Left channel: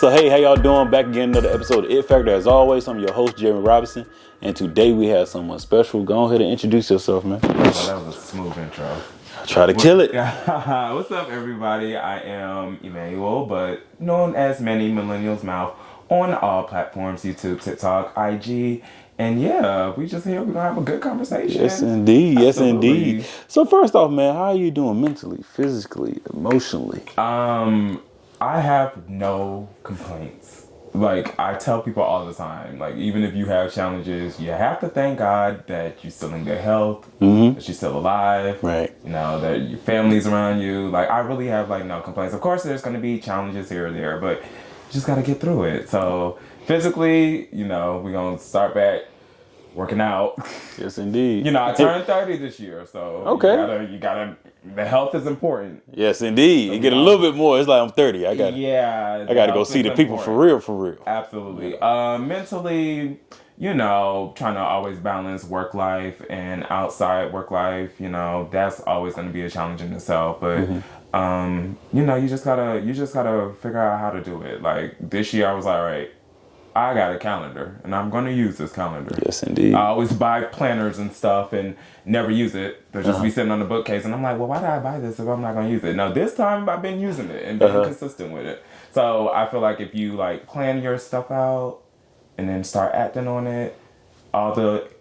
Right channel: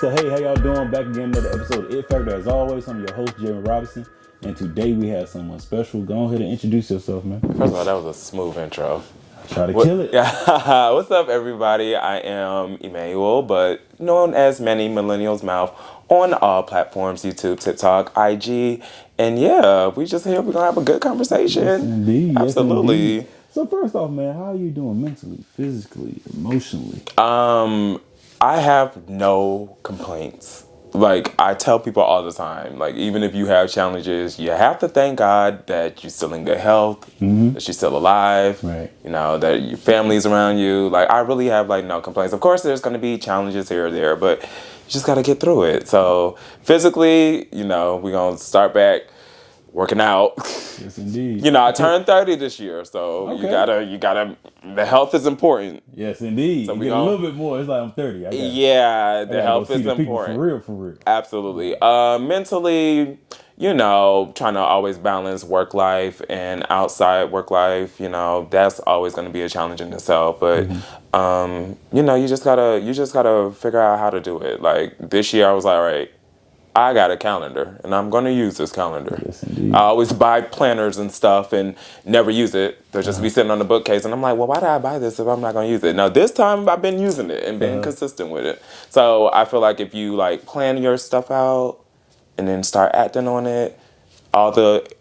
So hey, how y'all doing? Back again, another episode of It Factor. As always, I'm your host, Jeremy Robinson, and today we have someone special. Go ahead and introduce yourself, man. Oh, that was a smooth intro. Try to kill it. What's up, everybody? I am Emmanuel, but known as Manny, Millennial's Mouth, on all platforms, YouTube, TikTok, IG, and yeah, we just here. We're gonna have a good conversation. Yes, indeed. Absolutely. Yes, indeed. So first off, man, how are you doing mentally, physically, emotionally? I have no complaints. Like, I tell people all the time, like, even if you have challenges, you have to thank God that you're still in good health, that you're still alive, Right. you know, that your family's around you. Like, I really have, like, no complaints. Of course, there's going to be challenges here or there, but you just got to get through it. So, physically, you know, we're going to start back working out. Yes, indeed. You know, I turned 30 this year, so Okay. you gotta, the health is important. Yes, indeed. So you we get a gonna- little bit more. It's like I'm 30. I gotta go see the people for real, for real. Absolutely. Mentally, you know, trying to always balance work life and outside work life, you know, that's always going to be a challenge in itself. But, you know, you just gotta figure out how to do it. Like this year I was like, all right, I got a calendar and I'm going to use this calendar. Yes, indeed. I always buy planners and stuff and never use it. They'll just be sitting on the bookcase and I'm like, well, why did I buy this if I'm not going to use it? Now, this time I've been using it and being consistent with it. So I feel like if you like plan your stuff out and then start acting on it,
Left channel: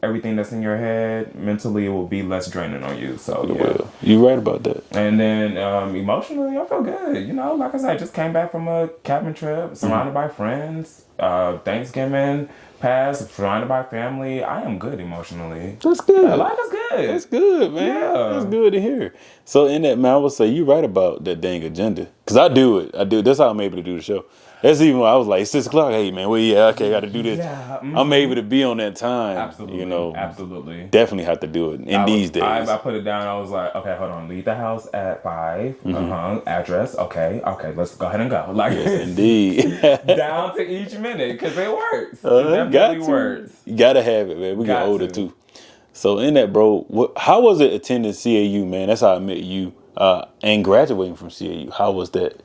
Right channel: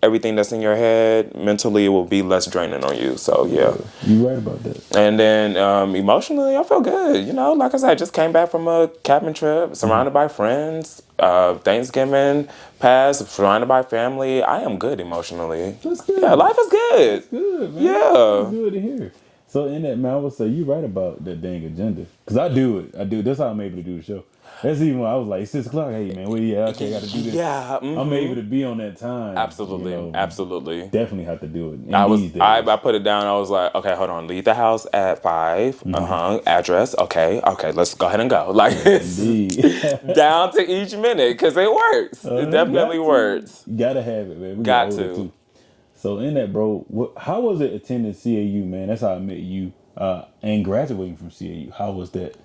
everything that's in your head mentally will be less draining on you. So yeah, You're right about that. and then emotionally, I feel good. You know, like I said, I just came back from a cabin trip, surrounded by friends. Thanksgiving passed, surrounded by family. I am good emotionally. That's good. Yeah, life is good. That's good, man. Yeah. That's good to hear. So in that, man, I would say you're right about that dang agenda. Because I do it. That's how I'm able to do the show. That's even when I was like 6 o'clock. Hey, man, okay, got to do this. Yeah, I'm able to be on that time. Absolutely, You know, absolutely. definitely have to do it these days. I put it down. I was like, okay, hold on. Leave the house at 5. Address. Okay. Let's go ahead and go. Like, Indeed. down to each minute because it works. It definitely works. You got to have it, man. We get older, too. So in that, bro, how was it attending CAU, man? That's how I met you. And graduating from CAU. How was that?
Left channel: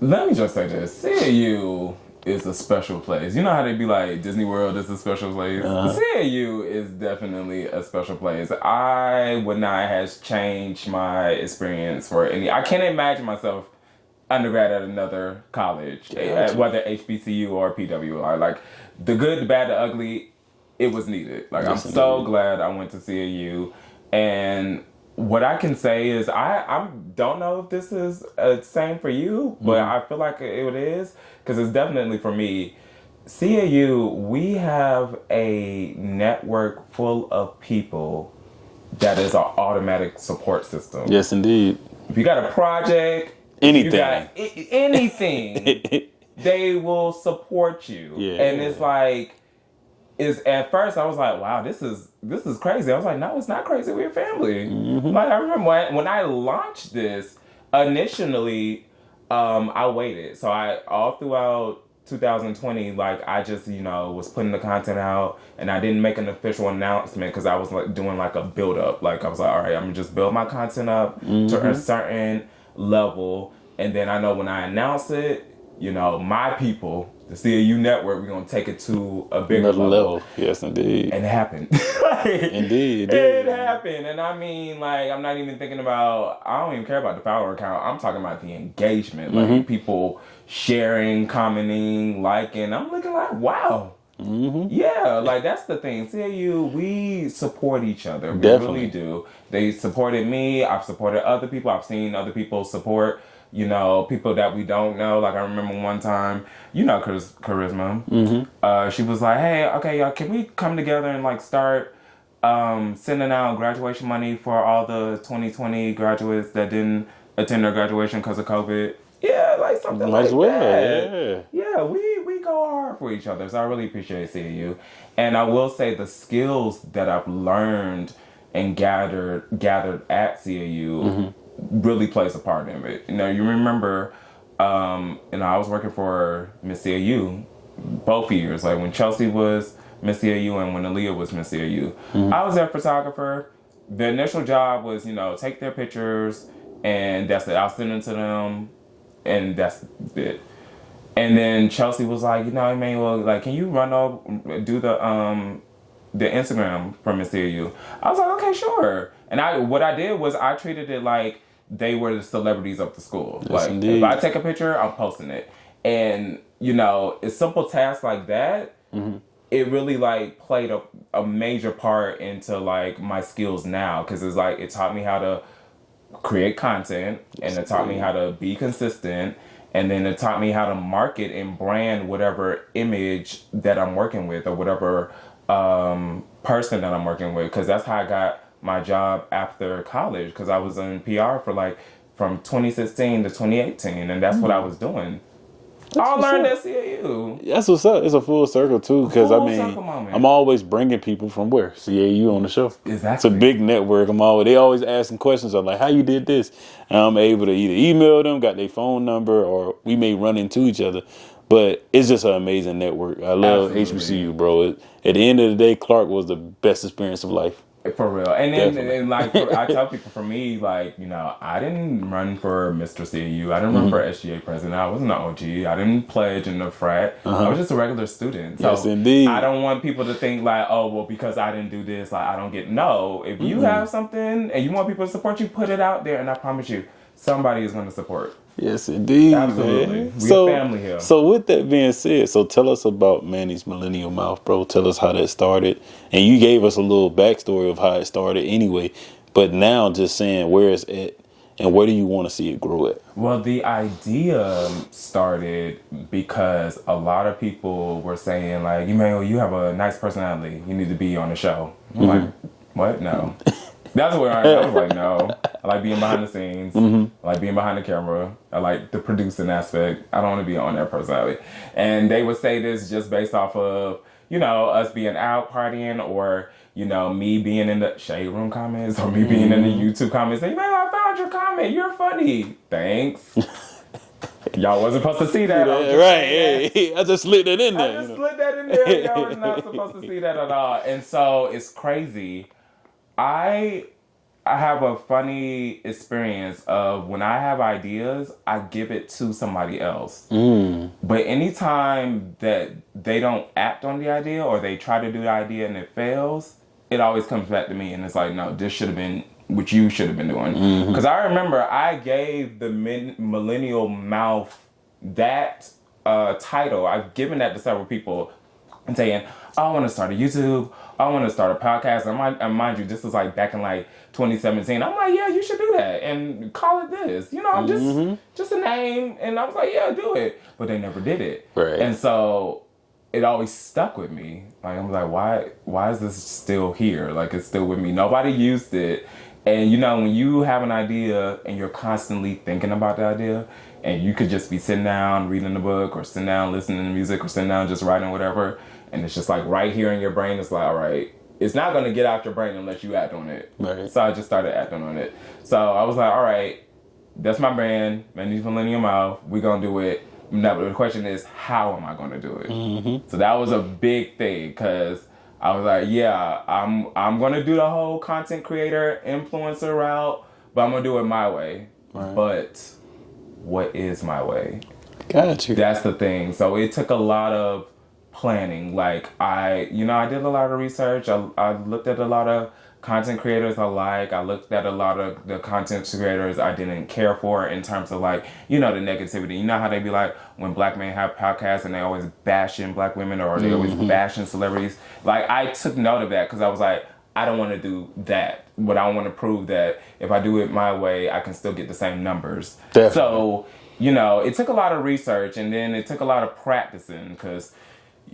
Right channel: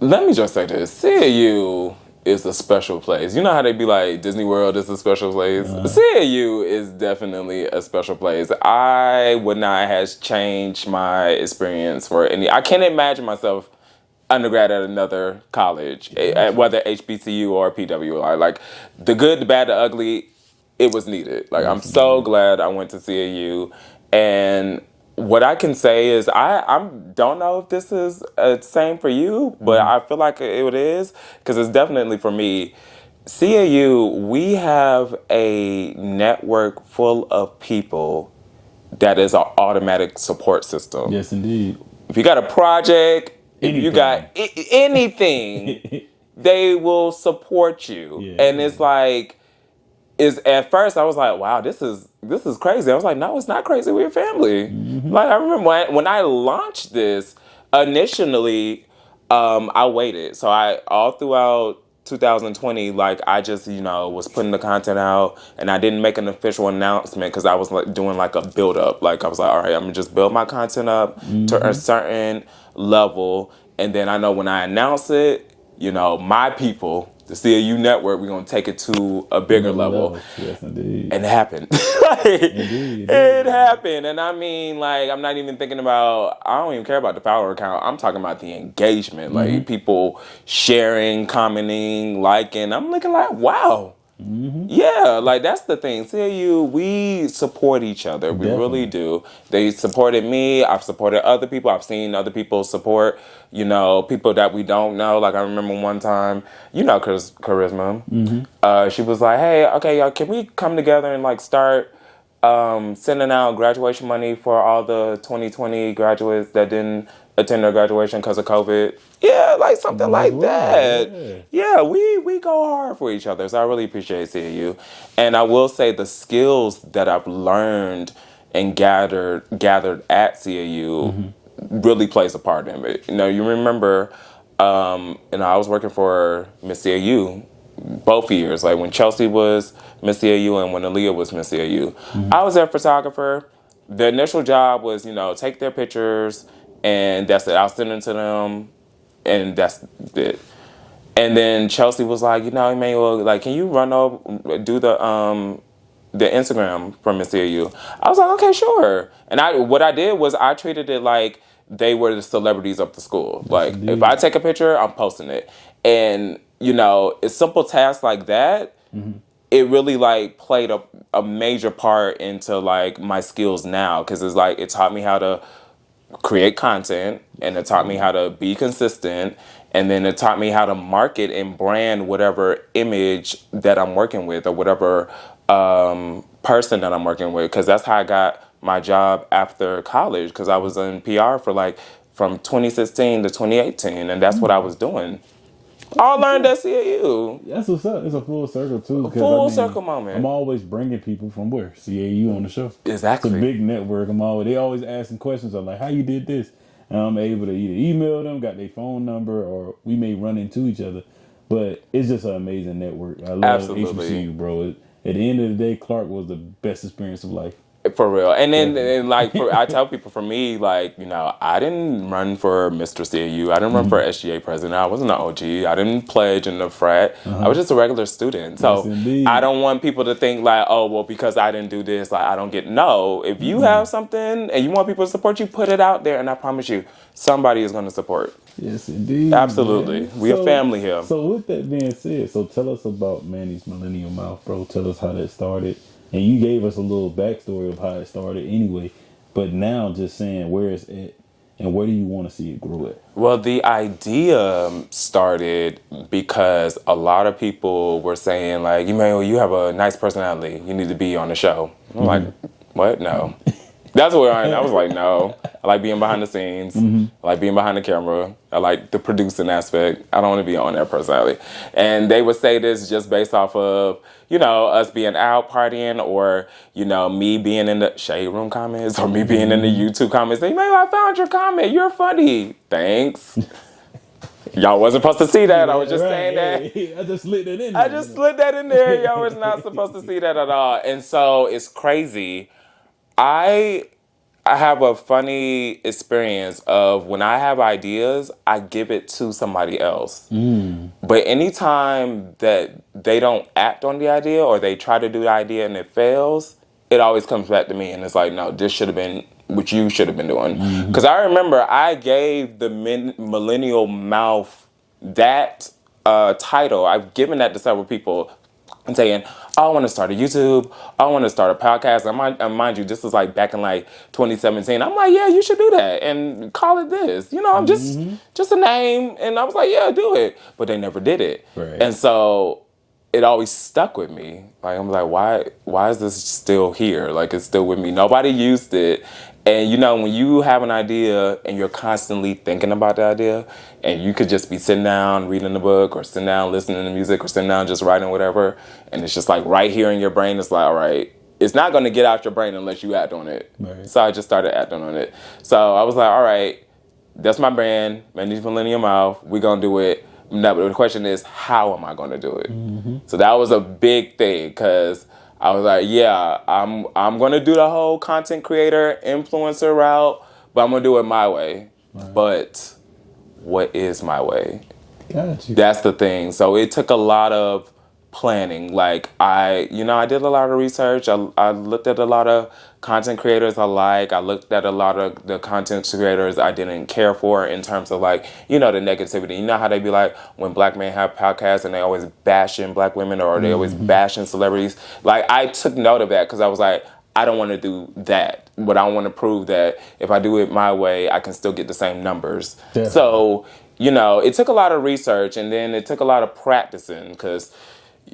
Let me just say this. CAU is a special place. You know how they be like, Disney World is a special place? CAU is definitely a special place. I would not have changed my experience for any. I can't imagine myself undergrad at another college, whether HBCU or PWI. Like, the good, the bad, the ugly, it was needed. Like, I'm so glad I went to CAU. And what I can say is I don't know if this is the same for you, but I feel like it is, because it's definitely for me. CAU, we have a network full of people that is our automatic support system. Yes, indeed. If you got a project, Anything. you got anything, they will support you. Yeah. And it's like, at first I was like, wow, this is crazy. I was like, no, it's not crazy. We're family. Like, I remember when I launched this initially, I waited. So all throughout 2020, like, I just, you know, was putting the content out and I didn't make an official announcement because I was like doing like a build up. Like, I was like, all right, I'm gonna just build my content up to a certain level. And then I know when I announce it, you know, my people, the CAU network, we're going to take it to a bigger level. Yes, indeed. And it happened. Indeed. It happened. And I mean, like, I'm not even thinking about, I don't even care about the follower count. I'm talking about the engagement. Like, people sharing, commenting, liking. I'm looking like, wow. Yeah, like, that's the thing. CAU, we support each other. We really do. They supported me. I've supported other people. I've seen other people support, you know, people that we don't know. Like, I remember one time, you know, Charisma. She was like, hey, okay, y'all, can we come together and, like, start sending out graduation money for all the 2020 graduates that didn't attend their graduation because of COVID? Yeah, like something like that. Yeah, we go hard for each other. So I really appreciate CAU. And I will say the skills that I've learned and gathered at CAU really plays a part in it. You know, you remember, I was working for Miss CAU both years. Like when Chelsea was Miss CAU and when Aaliyah was Miss CAU. I was their photographer. The initial job was, take their pictures and that's it. I'll send them to them and that's it. And then Chelsea was like, Emmanuel, like, can you run over, do the Instagram from Miss CU? I was like, okay, sure. And what I did was I treated it like they were the celebrities of the school. Yes, Like, indeed. if I take a picture, I'm posting it. And, a simple task like that, it really like played a major part into like my skills now. Cause it's like, it taught me how to create content, and it taught me how to be consistent, and then it taught me how to market and brand whatever image that I'm working with, or whatever person that I'm working with, because that's how I got my job after college, because I was in PR for like from 2016 to 2018, and that's what I was doing. I learned at CAU. That's what's up. It's a full circle too, because Full circle moment. I'm always bringing people from where CAU on the show. Exactly. It's a big network. They always asking questions. I'm like, how you did this? And I'm able to either email them, got their phone number, or we may run into each other. But it's just an amazing network. I love HBCU, bro. At the end of the day, Clark was the best experience of life. For real. And then I tell people, for me, like, I didn't run for Mr. CAU. I didn't run for SGA president. I wasn't an OG. I didn't pledge in the frat. I was just a regular student. So yes, indeed. I don't want people to think like, oh, well, because I didn't do this, like, I don't get. No. If you have something and you want people to support you, put it out there. And I promise you, somebody is going to support. Yes, indeed. Absolutely. Man. We're a family here. So with that being said, tell us about Manny's Millennial Mouth, bro. Tell us how that started. And you gave us a little backstory of how it started anyway. But now just saying where it's at and where do you want to see it grow at? Well, the idea started because a lot of people were saying, like, Emmanuel, you have a nice personality. You need to be on the show. I'm like, what? No. That's where I was like, no. I like being behind the scenes. I like being behind the camera. I like the producing aspect. I don't want to be on that personality. And they would say this just based off of, us being out partying, or, me being in the Shade Room comments, or me being in the YouTube comments. They, man, I found your comment. You're funny. Thanks. Y'all wasn't supposed to see that. I was just saying that. I just slid that in there. I just slid that in there. Y'all was not supposed to see that at all. And so it's crazy. I have a funny experience of when I have ideas, I give it to somebody else. But anytime that they don't act on the idea, or they try to do the idea and it fails, it always comes back to me. And it's like, no, this should have been what you should have been doing. Because I remember I gave the Millennial Mouth that title. I've given that to several people and saying, I want to start a YouTube. I want to start a podcast. And mind you, this was like back in like 2017. I'm like, yeah, you should do that and call it this. Just a name. And I was like, yeah, do it. But they never did it. Right. And so it always stuck with me. Like, I'm like, why is this still here? Like, it's still with me. Nobody used it. And when you have an idea and you're constantly thinking about the idea, and you could just be sitting down reading a book, or sitting down listening to music, or sitting down just writing whatever, and it's just like right here in your brain, it's like, all right, it's not going to get out your brain unless you act on it. Right. So I just started acting on it. So I was like, all right, that's my brand, Manny's Millennial Mouth. We're going to do it. No, but the question is, how am I going to do it? So that was a big thing, because I was like, yeah, I'm going to do the whole content creator, influencer route, but I'm going to do it my way. Right. But what is my way? Got you. That's the thing. So it took a lot of planning. Like, I did a lot of research. I looked at a lot of content creators I like. I looked at a lot of the content creators I didn't care for, in terms of like, the negativity. You know how they be like, when black men have podcasts and they always bashing black women, or they always bashing celebrities. Like, I took note of that, because I was like, I don't want to do that. But I want to prove that if I do it my way, I can still get the same numbers. Definitely. So, it took a lot of research, and then it took a lot of practicing, because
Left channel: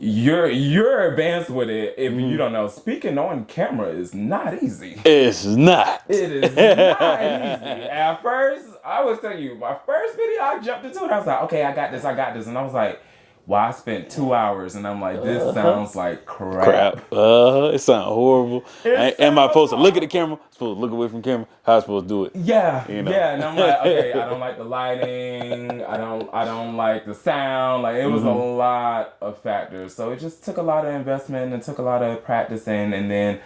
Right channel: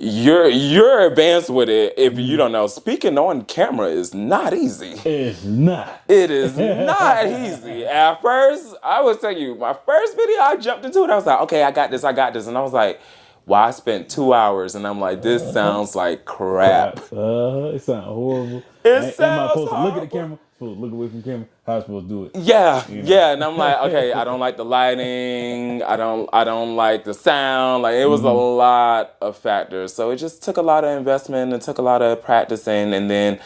you're advanced with it. If you don't know, speaking on camera is not easy. It's not. It is not easy. At first, I will tell you, my first video, I jumped into it. I was like, okay, I got this. And I was like, well, I spent 2 hours, and I'm like, this sounds like crap. It sounds horrible. Am I supposed to look at the camera? Supposed to look away from the camera? How am I supposed to do it? Yeah, yeah. And I'm like, okay, I don't like the lighting. I don't like the sound. Like, it was a lot of factors. So it just took a lot of investment. It took a lot of practicing. And then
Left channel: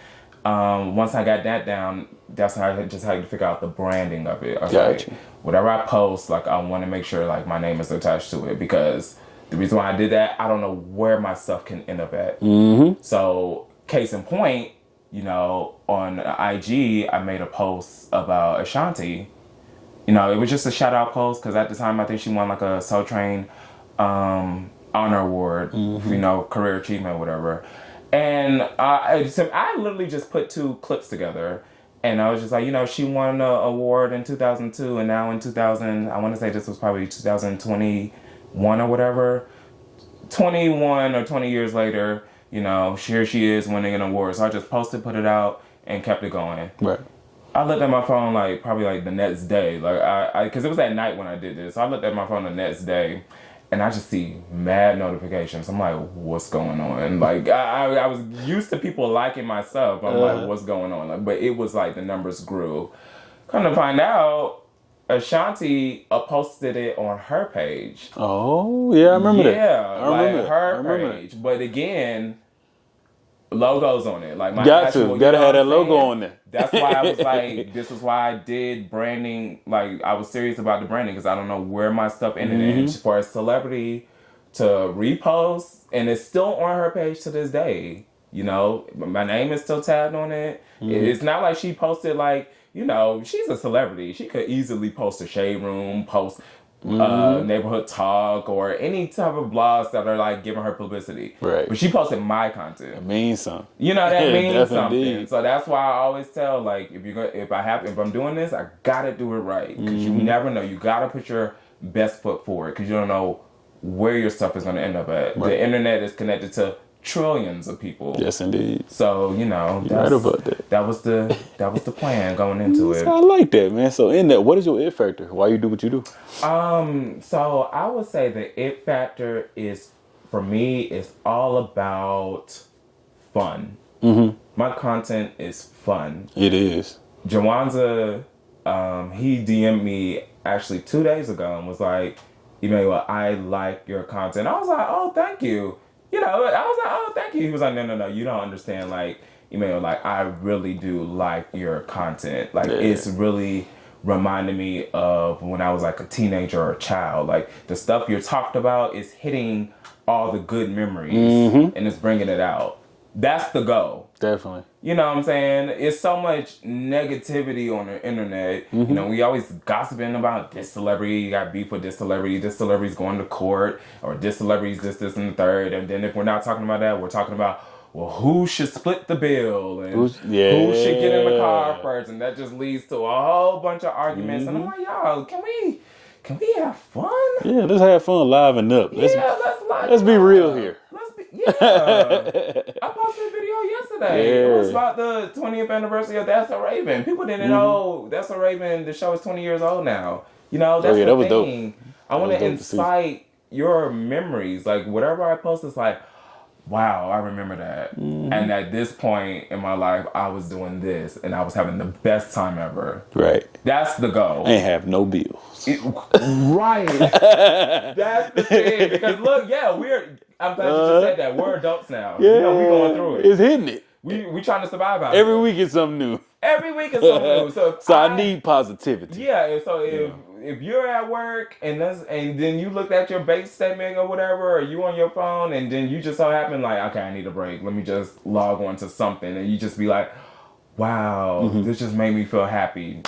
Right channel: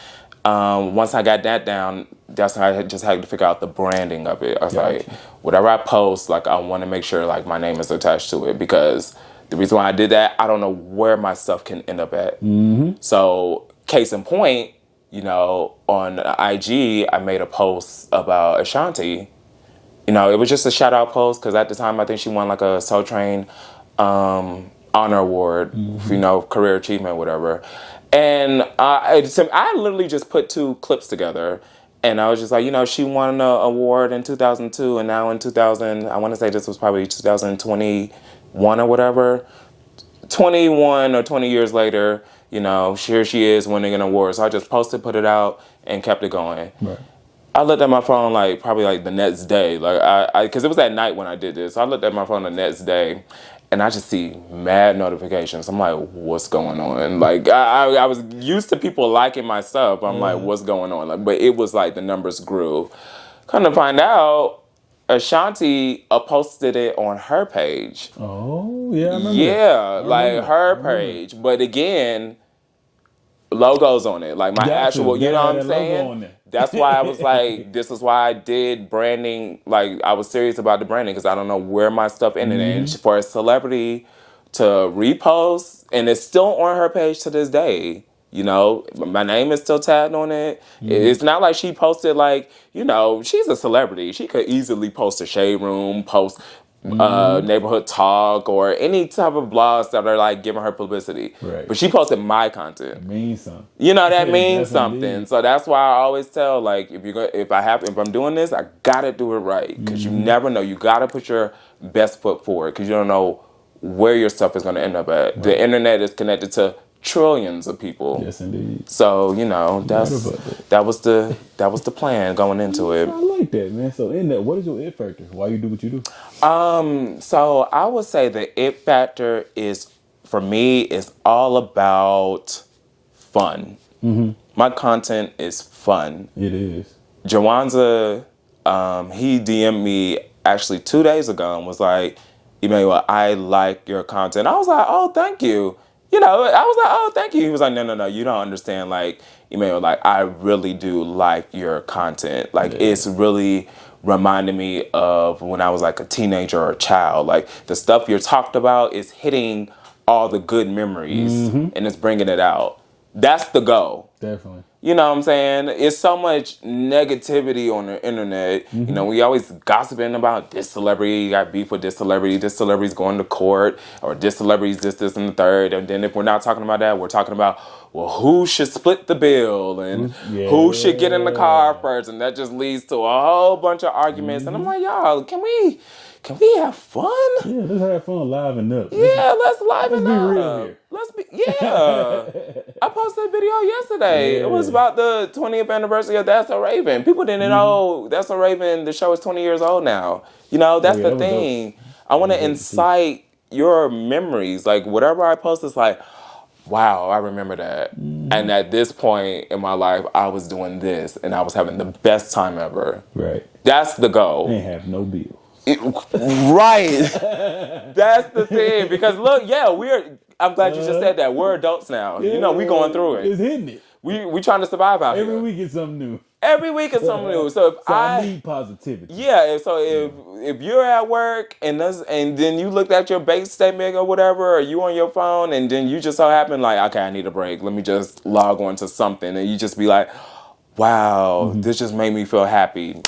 once I got that down, that's when I just had to figure out the branding of it. I was like, whatever I post, like, I want to make sure like my name is attached to it, because The reason why I did that, I don't know where my stuff can end up at. So, case in point, on IG, I made a post about Ashanti. It was just a shout out post because at the time I think she won like a Soul Train honor award, career achievement, whatever. And I literally just put 2 clips together. And I was just like, she won an award in 2002, and now in 2000, I want to say this was probably 2021 or whatever. 21 or 20 years later, here she is winning an award. So I just posted, put it out, and kept it going. Right. I looked at my phone probably the next day, because it was at night when I did this. So I looked at my phone the next day, and I just see mad notifications. I'm like, what's going on? Like, I was used to people liking my stuff. I'm like, what's going on? But it was the numbers grew. Come to find out, Ashanti posted it on her page. Oh, yeah, I remember that. Yeah, her page. But again, logos on it. Like my actual, gotta have that logo on there. That's why I was like, this is why I did branding. Like I was serious about the branding because I don't know where my stuff ended. And for a celebrity to repost, and it's still on her page to this day. My name is still tagged on it. It's not like she posted she's a celebrity. She could easily post a Shade Room, post Neighborhood Talk, or any type of blogs that are giving her publicity. Right. But she posted my content. It means something. That means something. Indeed. So that's why I always tell if I'm doing this, I gotta do it right because you never know. You gotta put your best foot forward because you don't know where your stuff is gonna end up at. Right. The internet is connected to trillions of people. Yes, indeed. So that was the plan going into it. I like that, man. So in that, what is your it factor? Why you do what you do? So I would say the it factor for me is all about fun. My content is fun. It is. Jawanza, he DM'd me actually 2 days ago and was like, Emmanuel, I like your content. I was like, oh, thank you. I was like, oh, thank you. He was like, no, you don't understand. Emmanuel, I really do like your content. It's really reminding me of when I was a teenager or a child. The stuff you're talked about is hitting all the good memories and it's bringing it out. That's the goal. Definitely. You know what I'm saying? It's so much negativity on the internet. We always gossiping about this celebrity got beef with this celebrity's going to court, or this celebrity's this, and the third. And then if we're not talking about that, we're talking about, well, who should split the bill and who should get in the car first. And that just leads to a whole bunch of arguments. And I'm like, y'all, can we have fun? Yeah, let's have fun, liven up. Let's liven up. Let's be real here. I posted a video yesterday. Yeah. It was about the 20th anniversary of That's So Raven. People didn't know That's So Raven, the show is 20 years old now. That's the thing. Dope. I want to incite your memories. Whatever I post is wow, I remember that. And at this point in my life, I was doing this and I was having the best time ever. Right. That's the goal. Ain't have no bills. Right. That's the thing. Because look, I'm glad you just said that. We're adults now. Yeah, we going through it. It's hitting it. We trying to survive out Every here. week is something new. Every week is something new. So I need positivity. Yeah. So if you're at work and then you looked at your base statement or whatever, or you on your phone, and then you just so happen okay, I need a break. Let me just log on to something, and you just be like, wow, this just made me feel happy.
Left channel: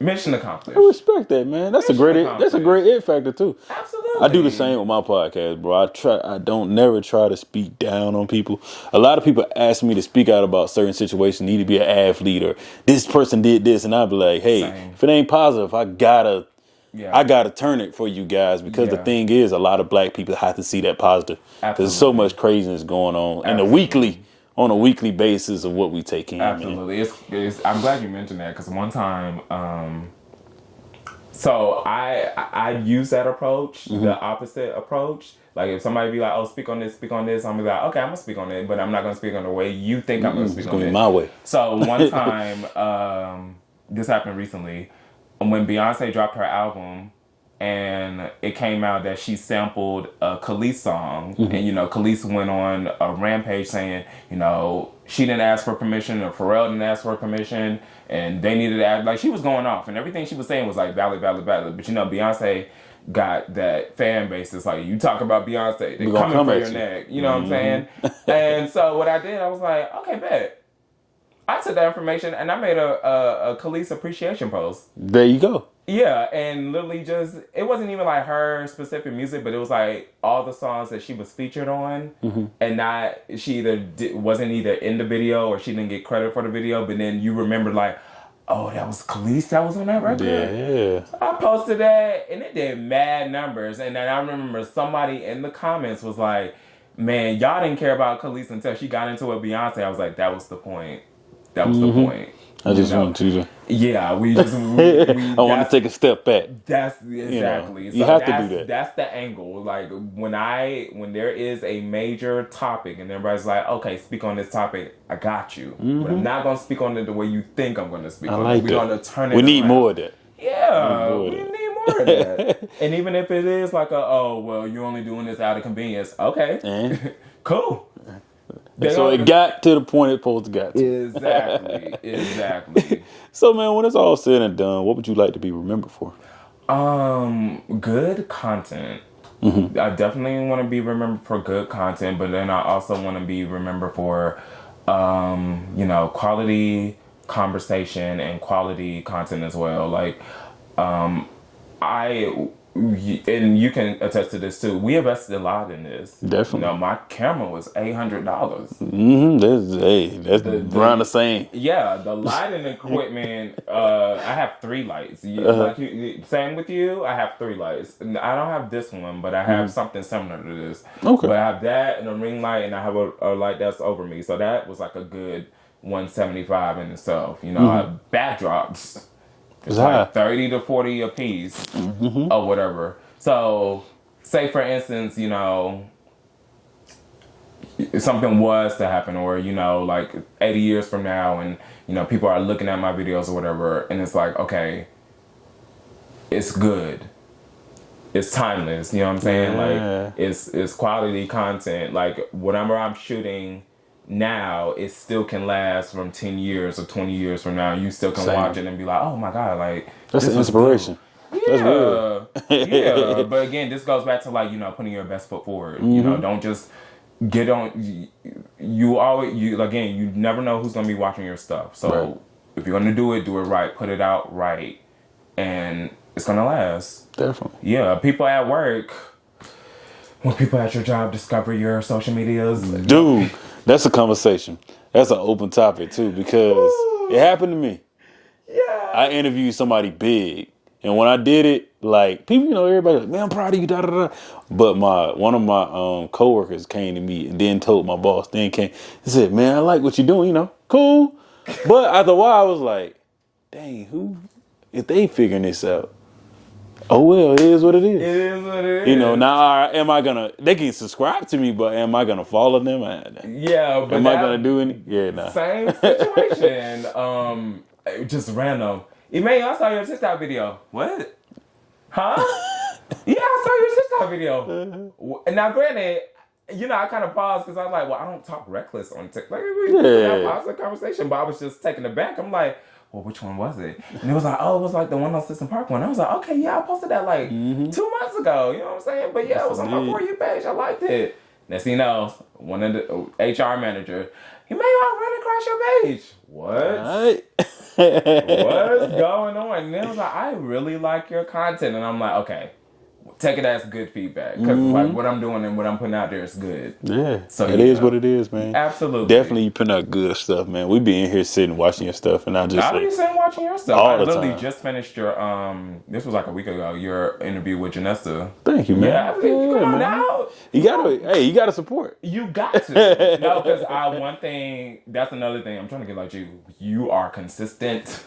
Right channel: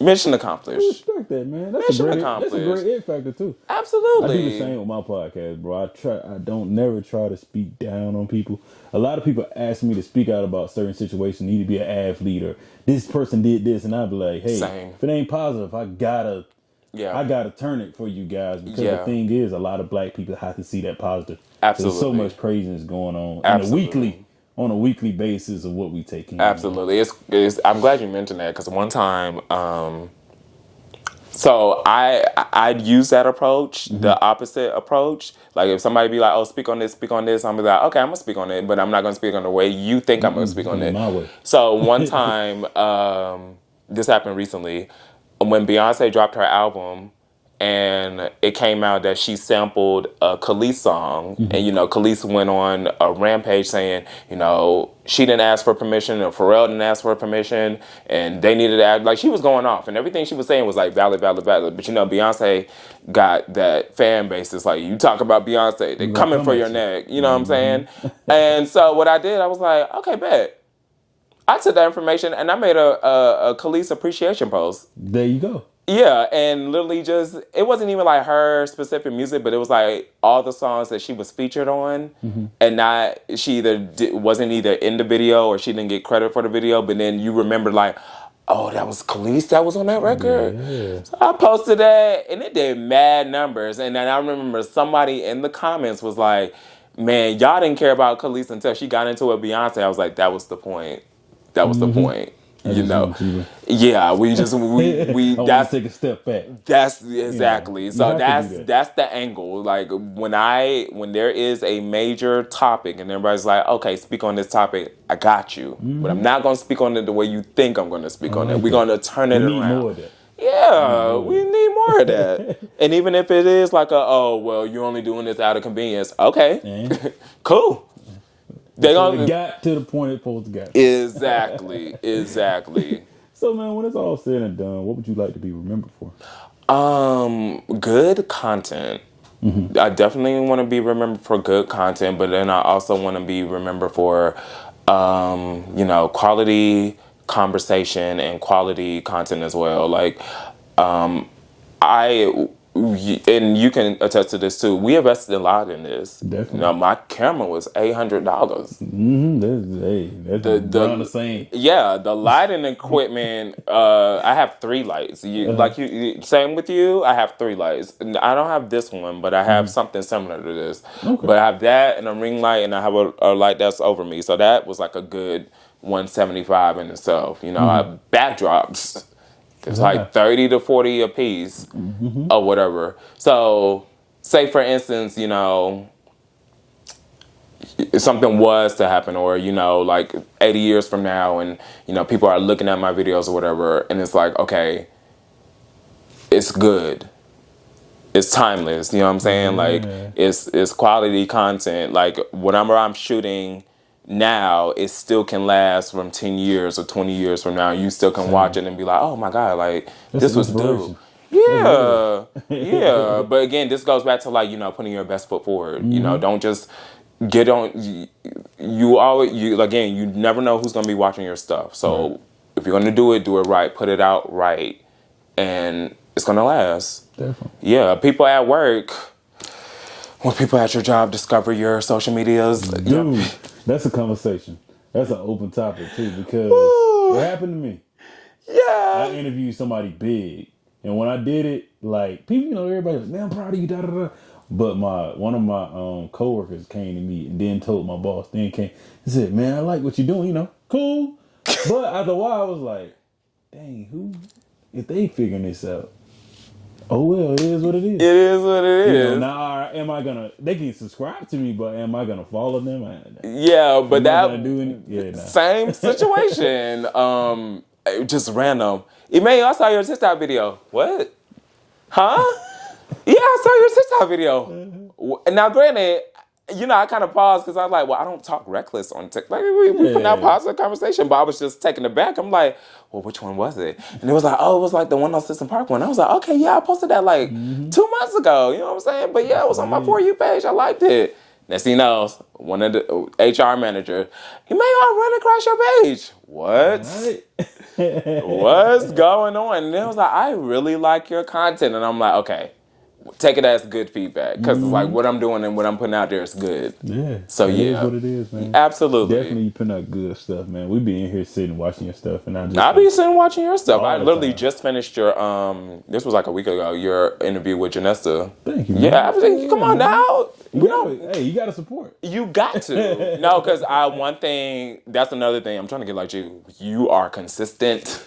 Mission accomplished. I respect that, man. That's a great it factor too. Absolutely. I do the same with my podcast, bro. I don't never try to speak down on people. A lot of people ask me to speak out about certain situations, need to be an athlete, or this person did this, and I'll be like, hey, if it ain't positive, I gotta turn it for you guys, because the thing is, a lot of black people have to see that positive. Absolutely. There's so much craziness going on on a weekly basis of what we take in. Absolutely. It's I'm glad you mentioned that, because one time, so I'd use that approach, the opposite approach. If somebody be like, oh, speak on this, I'm gonna be like, okay, I'm gonna speak on it, but I'm not gonna speak on the way you think I'm gonna speak on it. My way. So one time, this happened recently, when Beyonce dropped her album, and it came out that she sampled a Khalees song, Mm-hmm. and Khalees went on a rampage saying, she didn't ask for permission, or Pharrell didn't ask for permission, and they needed to act like she was going off, and everything she was saying was like valid. But Beyonce got that fan base. It's like, you talk about Beyonce, they're coming for your neck. You know what I'm saying? And so what I did, I was like, okay, bet. I took that information and I made a Khalees appreciation post. There you go. Yeah, and literally it wasn't even like her specific music, but it was like all the songs that she was featured on, and she wasn't either in the video or she didn't get credit for the video, but then you remember like, oh, that was Khalees that was on that record? Yeah. So I posted that, and it did mad numbers, and then I remember somebody in the comments was like, man, y'all didn't care about Khalees until she got into it with Beyonce. I was like, that was the point. That was the point. I just want to. Yeah, we I want to take a step back. That's exactly. You have to do that. That's the angle. Like when there is a major topic and everybody's like, okay, speak on this topic, I got you. But I'm not gonna speak on it the way you think I'm gonna speak on it. We're gonna turn it around. We need more of that. Yeah, we need more of that. And even if it is like you're only doing this out of convenience. Okay. Cool. So it got to the point it's supposed to get. Exactly. So, man, when it's all said and done, what would you like to be remembered for? Good content. I definitely want to be remembered for good content, but then I also want to be remembered for, quality conversation and quality content as well. Like, and you can attest to this too. We invested a lot in this. Definitely. My camera was $800. That's around the same. Yeah, the lighting equipment. I have 3 lights. Same with you. I have 3 lights. I don't have this one, but I have something similar to this. Okay. But I have that and a ring light, and I have a light that's over me. So that was like a good $175 in itself. I have backdrops. It's like 30 to 40 a piece or whatever. So, say for instance, if something was to happen, or, like 80 years from now, and, people are looking at my videos or whatever, and it's like, okay, it's good. It's timeless. You know what I'm saying? Yeah. Like, it's quality content. Like, whatever I'm shooting now, it still can last from 10 years or 20 years from now. You still can watch it and be like, oh my God, like, that's this was inspiration. Dope. Yeah. But again, this goes back to like, putting your best foot forward. Don't just get on. You never know who's going to be watching your stuff. So if you're going to do it right, put it out right, and it's going to last. Definitely. Yeah. People at work, when people at your job discover your social medias. Dude. That's a conversation. That's an open topic too, because it happened to me. Yeah. I interviewed somebody big, and when I did it, like people, everybody, like, man, I'm proud of you. Da da da. But one of my coworkers came to me and then told my boss. Then he said, "Man, I like what you're doing. Cool." But after a while, I was like, "Dang, who? If they figuring this out." Oh, well, it is what it is. It is what it is. Now, they can subscribe to me, but am I going to follow them? Yeah, but am I going to do any? Yeah, nah. Same situation. Just random. Emmanuel, I saw your TikTok video. What? Huh? Yeah, I saw your TikTok video. Now, granted, I kind of paused because I was like, well, I don't talk reckless on TikTok. Like, we put out positive conversation, but I was just taken aback. I'm like, well, which one was it? And it was like, oh, it was like the one on System Park one. I was like, okay, yeah, I posted that like 2 months ago. You know what I'm saying? But yeah, it was on my For You page. I liked it. Next thing you know, one of the HR manager, I ran across your page. What? What's going on? And then I was like, I really like your content. And I'm like, okay, take it as good feedback, because it's like what I'm doing and what I'm putting out there is good. Yeah. So it is what it is, man. Absolutely. Definitely you putting out good stuff, man. We be in here sitting watching your stuff, and I'll be sitting watching your stuff. I literally time. just finished your this was like a week ago, your interview with Janessa. Thank you, man. Yeah, everything. Come on now. You gotta support. You got to. No, because that's another thing. I'm trying to get like you. You are consistent.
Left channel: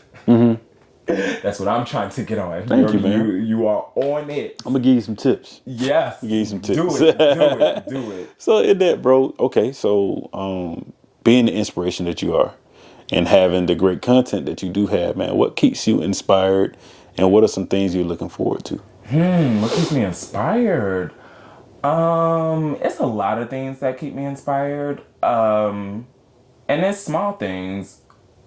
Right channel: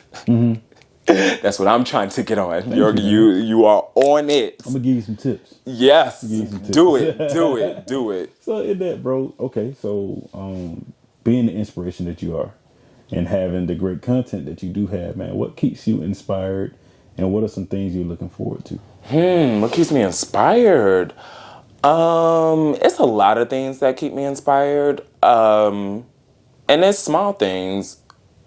That's what I'm trying to get on. You are on it. I'm gonna give you some tips. Yes. Give you some tips. Do it. So in that, bro, okay, so being the inspiration that you are and having the great content that you do have, man, what keeps you inspired and what are some things you're looking forward to? What keeps me inspired? It's a lot of things that keep me inspired. And it's small things,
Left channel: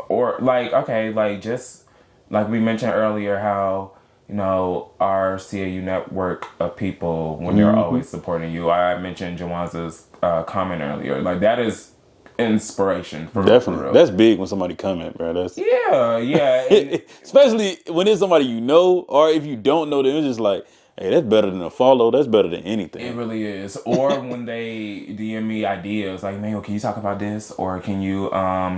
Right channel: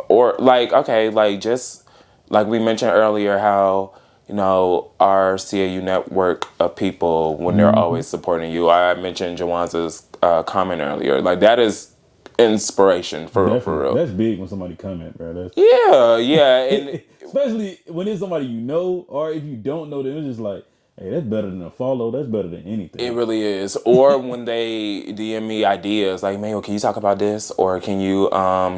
or like, okay, like just like we mentioned earlier, how our CAU network of people, when they're always supporting you. I mentioned Jawanza's comment earlier. Like, that is inspiration for real, Definitely. That's big when somebody comment, bro. That's yeah. And especially when it's somebody you know, or if you don't know them, it's just like, hey, that's better than a follow. That's better than anything. it really is. Or when they DM me ideas, like, Mayo, can you talk about this? Or can you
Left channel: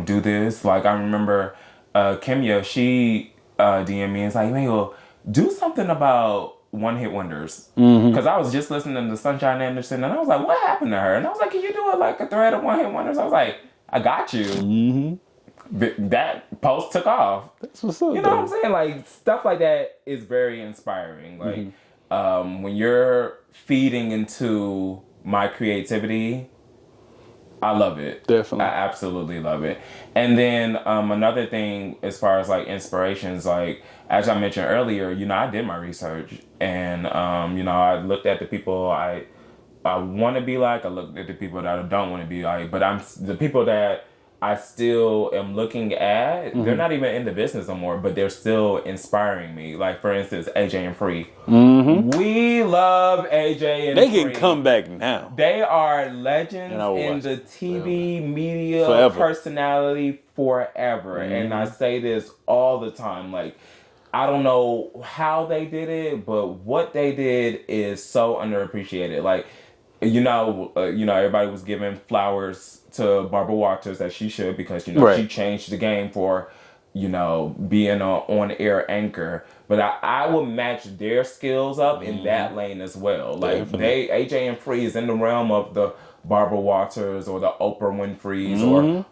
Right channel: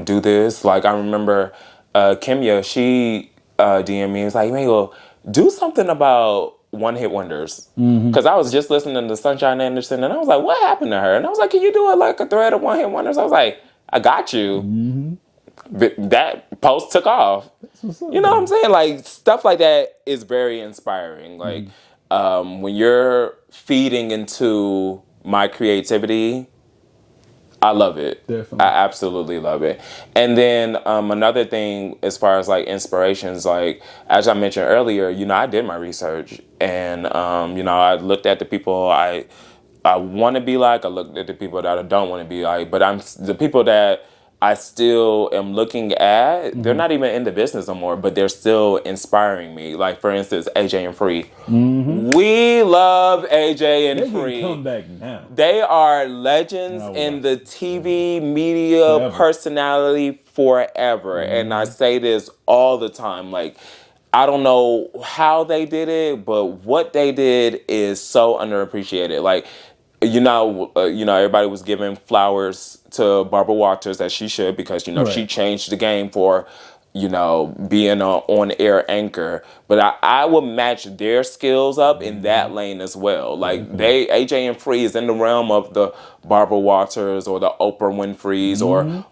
do this? Like, I remember Kimya, she DM me, it's like, Mayo, do something about one-hit wonders. Because I was just listening to Sunshine Anderson, and I was like, what happened to her? And I was like, can you do like a thread of one-hit wonders? I was like, I got you. That post took off. That's what's up, you know what I'm saying? Like, stuff like that is very inspiring. Like, when you're feeding into my creativity, I love it. Definitely. I absolutely love it. And then another thing, as far as like inspirations, like as I mentioned earlier, I did my research, and I looked at the people I want to be like. I looked at the people that I don't want to be like. But the people that I still am looking at, they're not even in the business no more, but they're still inspiring me. Like, for instance, AJ and Free. We love AJ and they Free. can come back now. They are legends in the TV media personality forever. And I say this all the time. Like, I don't know how they did it, but what they did is so underappreciated. Like, everybody was giving flowers to Barbara Walters, as she should, because she changed the game for being an on-air anchor. But I would match their skills up in that lane as well. Like, AJ and Free is in the realm of the Barbara Walters or the Oprah Winfreys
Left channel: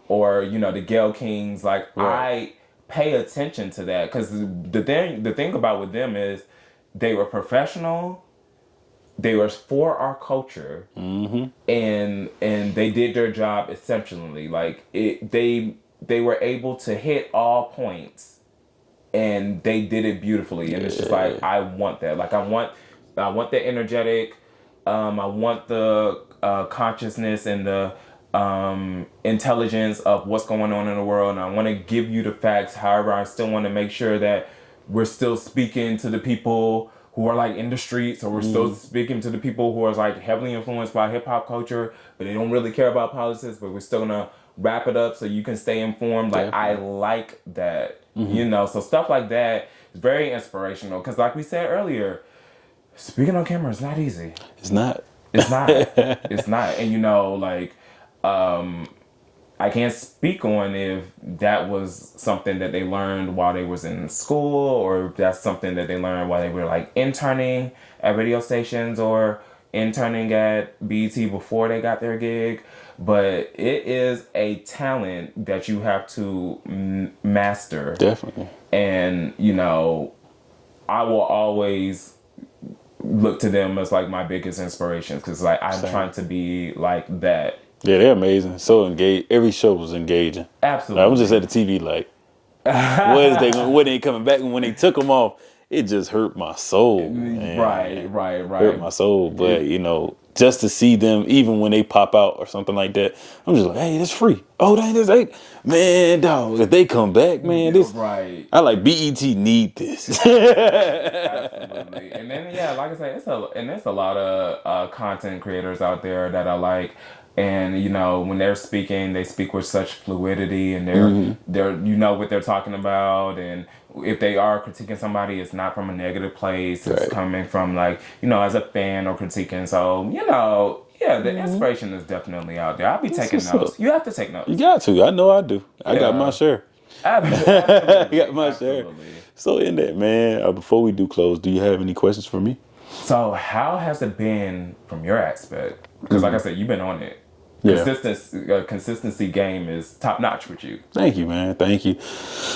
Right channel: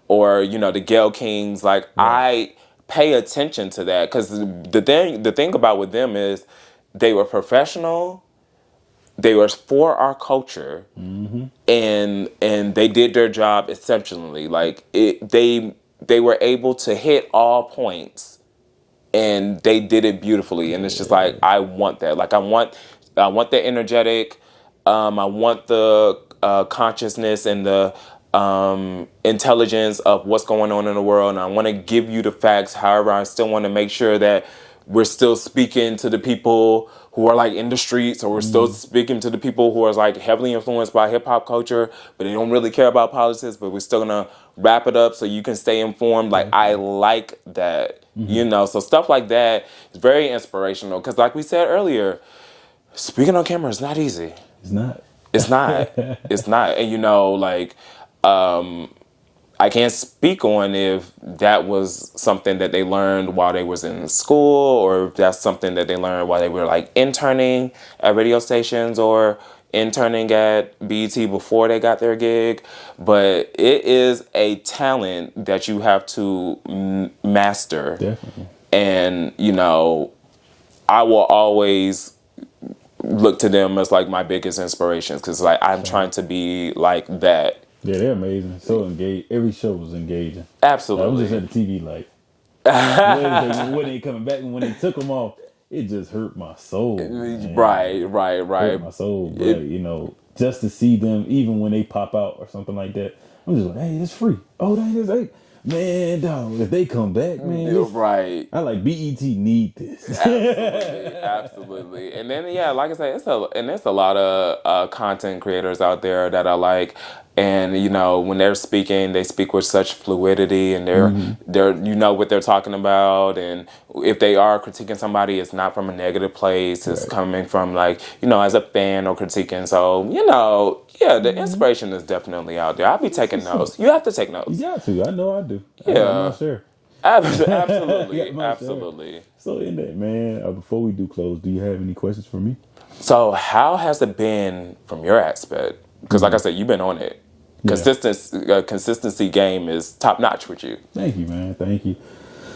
or the Gayle Kings. Like, I pay attention to that, because the thing about with them is they were professional. They were for our culture, and they did their job exceptionally. Like, they were able to hit all points, and they did it beautifully. And it's just like, I want that. Like, I want the energetic. I want the consciousness and the intelligence of what's going on in the world, and I want to give you the facts. However, I still want to make sure that we're still speaking to the people who are like in the streets, or we're still speaking to the people who are like heavily influenced by hip hop culture, but they don't really care about politics, but we're still gonna wrap it up so you can stay informed. Like, I like that, so stuff like that is very inspirational. Cause like we said earlier, speaking on camera is not easy. It's not. It's not. It's not. And I can't speak on if that was something that they learned while they was in school, or if that's something that they learned while they were like interning at radio stations or interning at BET before they got their gig. But it is a talent that you have to master. Definitely. And, I will always look to them as like my biggest inspirations, because like I'm trying to be like that. Yeah, they're amazing. So engaged. Every show was engaging. Absolutely. I was just at the TV like, when they coming back, and when they took them off, it just hurt my soul. Man. Right. Hurt my soul. But, just to see them, even when they pop out or something like that, I'm just like, hey, that's free. Oh, hey, man, dog, if they come back, man, this, right. I like BET need this. Absolutely. And then, like I said, it's a lot of content creators out there that I like. And, when they're speaking, they speak with such fluidity, and they're what they're talking about. And if they are critiquing somebody, it's not from a negative place. It's coming from like, as a fan or critiquing. So, the inspiration is definitely out there. I'll be taking notes. You have to take notes. You got to. I know I do. I got my share. Absolutely. I got my share. So in that, man, before we do close, do you have any questions for me? So how has it been from your aspect? Because like I said, you've been on it. Consistency game is top notch with you. Thank you, man. Thank you.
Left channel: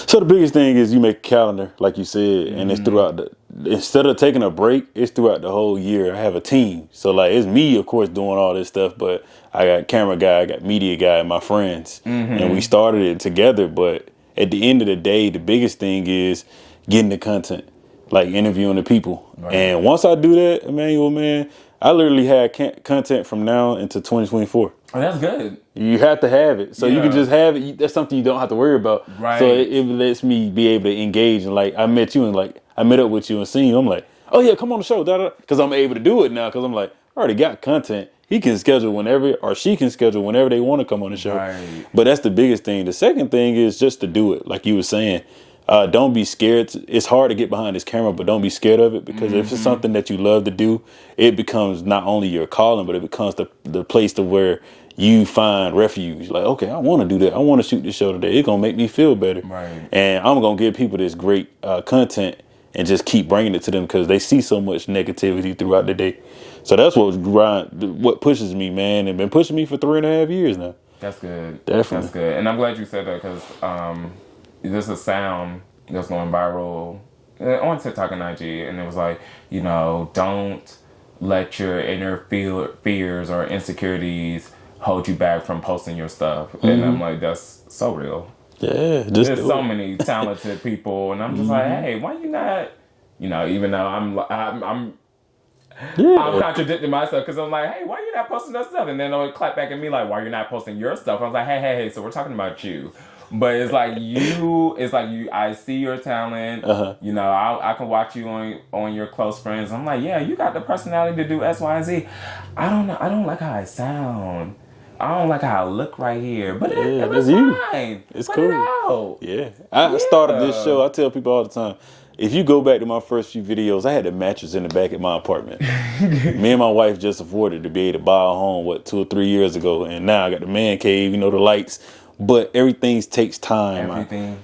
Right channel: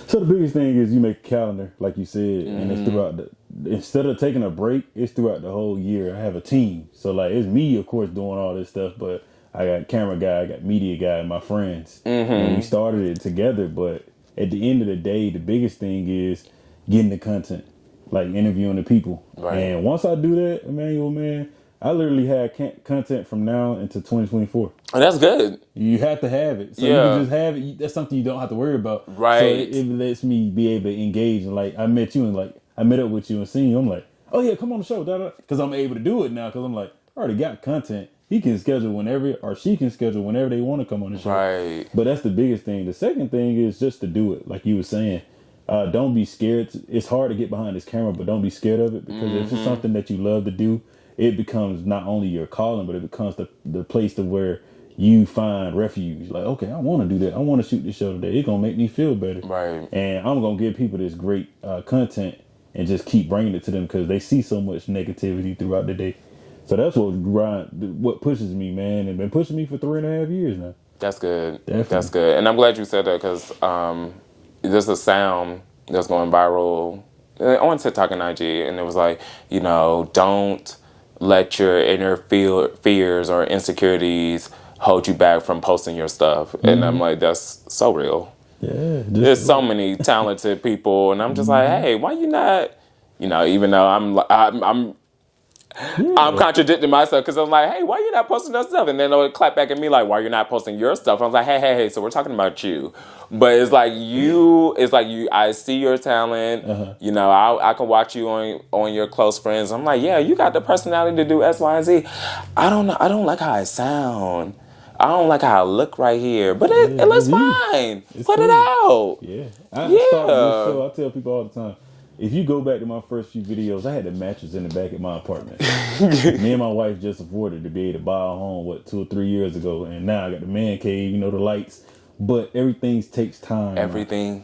So the biggest thing is you make a calendar, like you said, and it's throughout instead of taking a break, it's throughout the whole year. I have a team. So like, it's me, of course, doing all this stuff, but I got camera guy, I got media guy, and my friends. And we started it together. But at the end of the day, the biggest thing is getting the content. like interviewing the people. Right. And once I do that, Emmanuel, man, I literally had content from now into 2024. And that's good. You have to have it. So you can just have it. That's something you don't have to worry about. Right. So it lets me be able to engage. And like, I met you and like, I met up with you and seen you. I'm like, oh yeah, come on the show. Because I'm able to do it now. Because I'm like, I already got content. He can schedule whenever, or she can schedule whenever they want to come on the show. Right. But that's the biggest thing. The second thing is just to do it. Like you were saying, don't be scared. It's hard to get behind this camera, but don't be scared of it. Because if it's something that you love to do, it becomes not only your calling, but it becomes the place to where you find refuge. Like, okay, I want to do that. I want to shoot this show today. It's going to make me feel better. Right. And I'm going to give people this great content and just keep bringing it to them because they see so much negativity throughout the day. So that's what pushes me, man, and been pushing me for 3.5 years now. That's good. Definitely. That's good. And I'm glad you said that because there's a sound that's going viral on TikTok and IG, and it was like, don't let your inner fears or insecurities hold you back from posting your stuff. And I'm like, that's so real. Yeah. There's so many talented people, and I'm just like, hey, why you not, even though I'm contradicting myself because I'm like, hey, why you not posting that stuff? And then they'll clap back at me like, why you not posting your stuff? I was like, hey, so we're talking about you. But it's like I see your talent. I can watch you on your close friends. I'm like, yeah, you got the personality to do X, Y, and Z. I don't like how I sound. I don't like how I look right here. But it looks fine. Put cool. it out. Yeah. I started this show. I tell people all the time, if you go back to my first few videos, I had a mattress in the back of my apartment. Me and my wife just afforded to be able to buy a home, 2 or 3 years ago. And now I got the man cave, the lights. But everything takes time.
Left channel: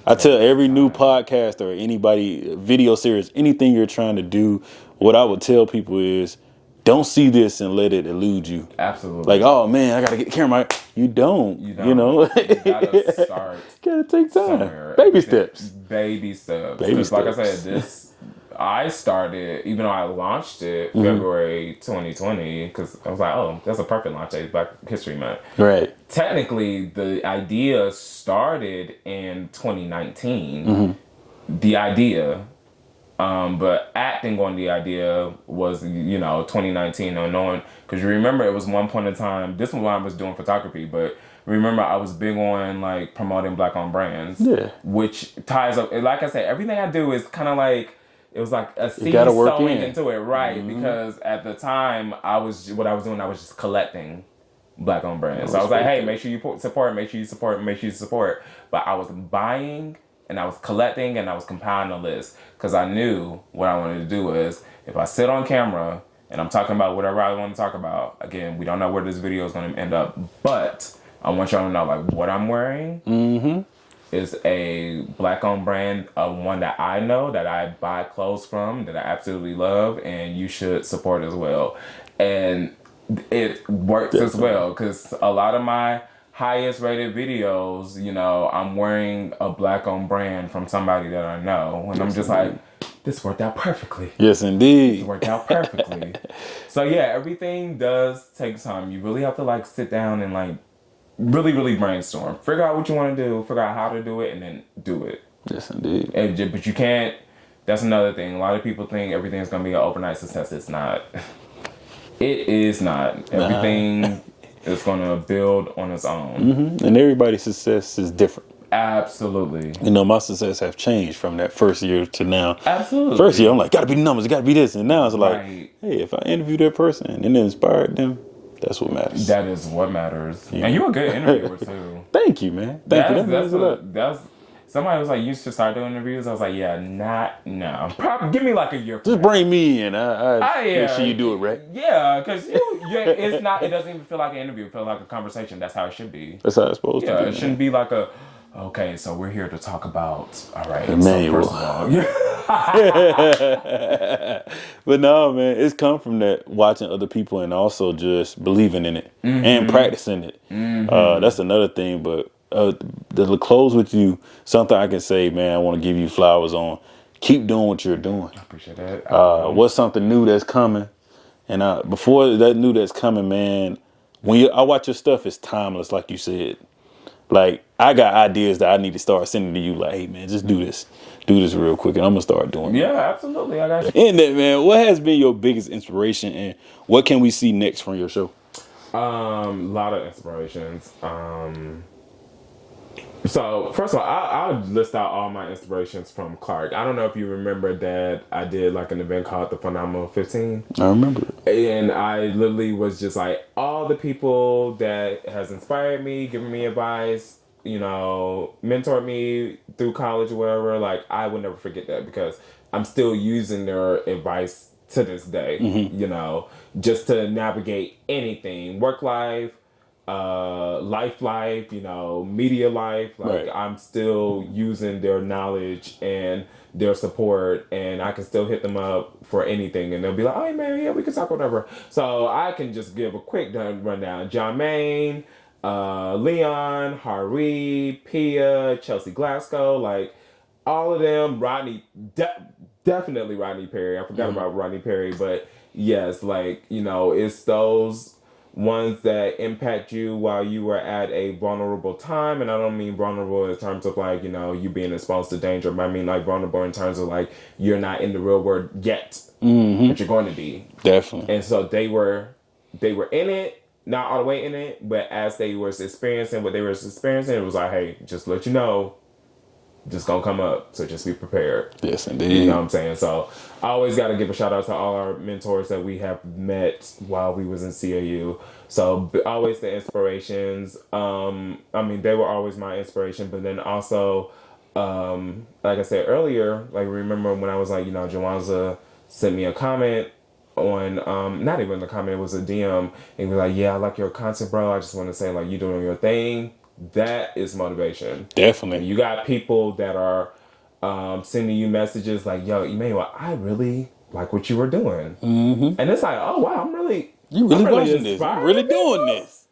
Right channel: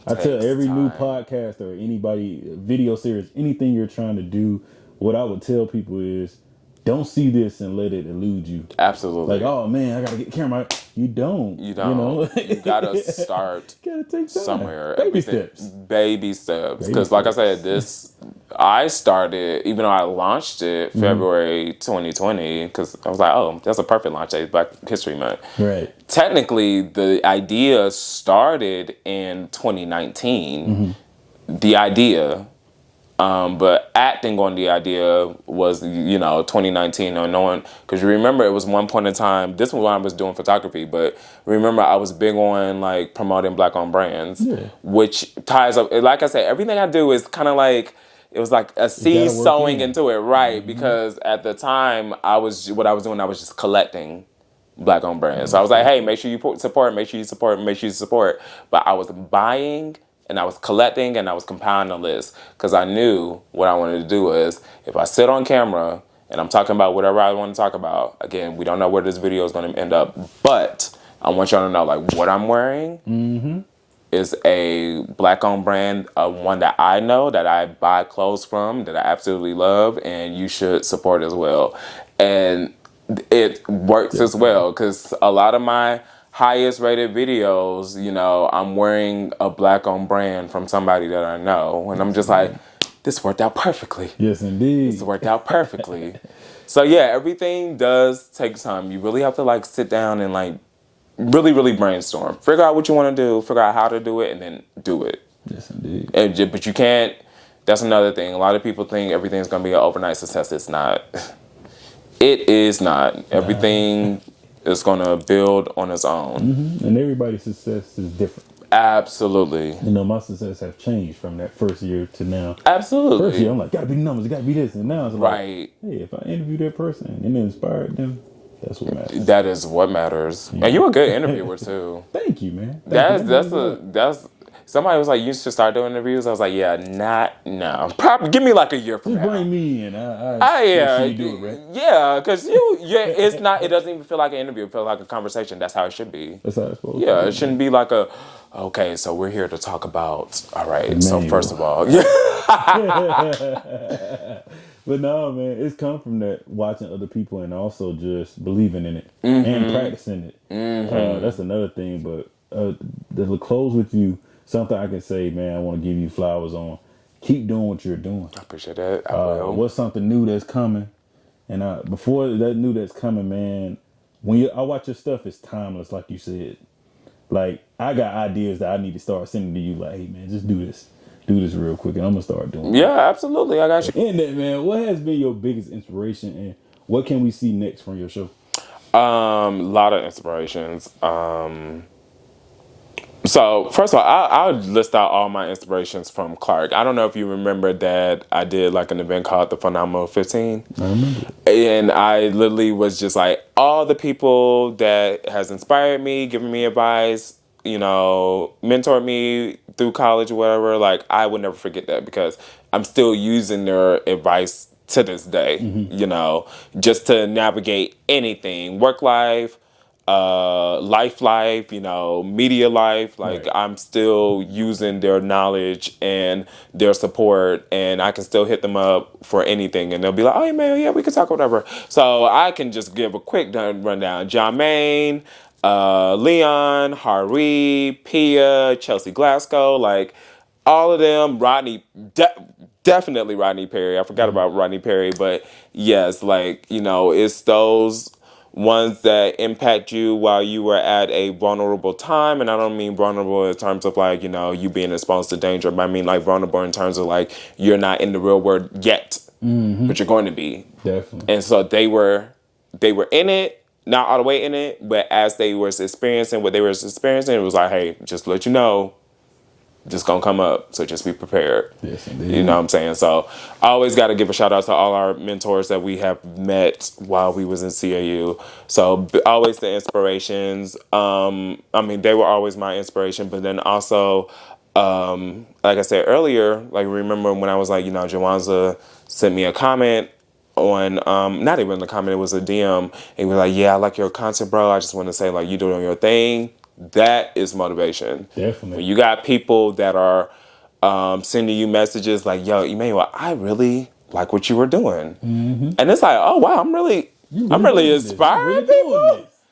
I tell every new podcast or anybody, video series, anything you're trying to do, what I would tell people is, don't see this and let it elude you. Absolutely. Like, oh man, I gotta get the camera. You don't. You gotta start. Gotta take time. Somewhere. Baby steps. Because like I said, I started, even though I launched it February 2020, because I was like, oh, that's a perfect launch date, Black History Month. Right. Technically, the idea started in 2019. The idea. But acting on the idea was, 2019 or knowing, because you remember it was one point in time, this was when I was doing photography, but remember I was big on like promoting Black-owned brands, which ties up, like I said, everything I do is kind of like, it was like a seed sowing into it, right? Because at the time I was just collecting Black-owned brands. So I was like, hey, make sure you support, make sure you support, make sure you support. But I was buying and I was collecting and I was compiling a list because I knew what I wanted to do is if I sit on camera and I'm talking about whatever I want to talk about, again, we don't know where this video is going to end up, but I want y'all to know like what I'm wearing is a Black-owned brand, one that I know, that I buy clothes from, that I absolutely love, and you should support as well. And it works as well because a lot of my highest rated videos, I'm wearing a Black-owned brand from somebody that I know. And I'm just like, this worked out perfectly. Yes, indeed. This worked out perfectly. So yeah, everything does take time. You really have to like sit down and like really, really brainstorm. Figure out what you want to do, figure out how to do it, and then do it. Yes, indeed. But you can't, that's another thing. A lot of people think everything's going to be an overnight success. It's not. It is not. Everything is going to build on its own. And everybody's success is different. Absolutely. My success have changed from that first year to now. Absolutely. First year, I'm like, gotta be numbers, gotta be this. And now it's like, right. Hey, if I interview that person and it inspired them, that's what matters. That is what matters. Yeah. And you're a good interviewer too. Thank you, man. That's somebody was like, you should start doing interviews. I was like, yeah, not now. Probably give me like a year. Just bring me in. Make sure you do it right. Yeah, because it's not. It doesn't even feel like an interview. It feels like a conversation. That's how it should be. That's how it's supposed to be. Yeah, it shouldn't be like okay, so we're here to talk about. All right. Emmanuel. So first of all, but no, man, it's come from that watching other people and also just believing in it and practicing it. That's another thing. But to close with you, something I can say, man, I want to give you flowers on. Keep doing what you're doing. I appreciate that. What's something new that's coming? And before that new that's coming, man, when I watch your stuff, it's timeless, like you said. Like, I got ideas that I need to start sending to you. Like, hey, man, just do this. do this real quick, and I'm gonna start doing it. Yeah, absolutely. I got you. In that, man, what has been your biggest inspiration, and what can we see next from your show? A lot of inspirations. So first of all, I'll list out all my inspirations from Clark. I don't know if you remember that I did like an event called the Phenomenal 15. I remember it. And I literally was just like, all the people that has inspired me, given me advice, mentored me through college or whatever, like I would never forget that because I'm still using their advice to this day, just to navigate anything, work life, life, media life. Like Right. I'm still using their knowledge and their support, and I can still hit them up for anything, and they'll be like, "Oh, man, yeah, we can talk whatever." So I can just give a quick rundown. John Maine, Leon, Hari, Pia, Chelsea Glasgow, like all of them. Rodney, definitely Rodney Perry. I forgot about Rodney Perry, but yes, it's those ones that impact you while you were at a vulnerable time. And I don't mean vulnerable in terms of you being exposed to danger, but I mean like vulnerable in terms of like you're not in the real world yet, but you're going to be. Definitely. And so they were in it, not all the way in it, but as they were experiencing what they were experiencing, it was like, hey, just to let you know, just gonna come up, so just be prepared. Yes, indeed. You know what I'm saying? So I always got to give a shout out to all our mentors that we have met while we was in CAU. So always the inspirations. They were always my inspiration, but then also, like I said earlier, like remember when I was like, Jawanza sent me a comment on, not even a comment, it was a DM. And he was like, yeah, I like your content, bro. I just want to say like you doing your thing. That is motivation. Definitely. You got people that are sending you messages like, yo, Emmanuel, I really like what you were doing. Mm-hmm. And it's like, oh, wow, I'm really inspired. You really doing this.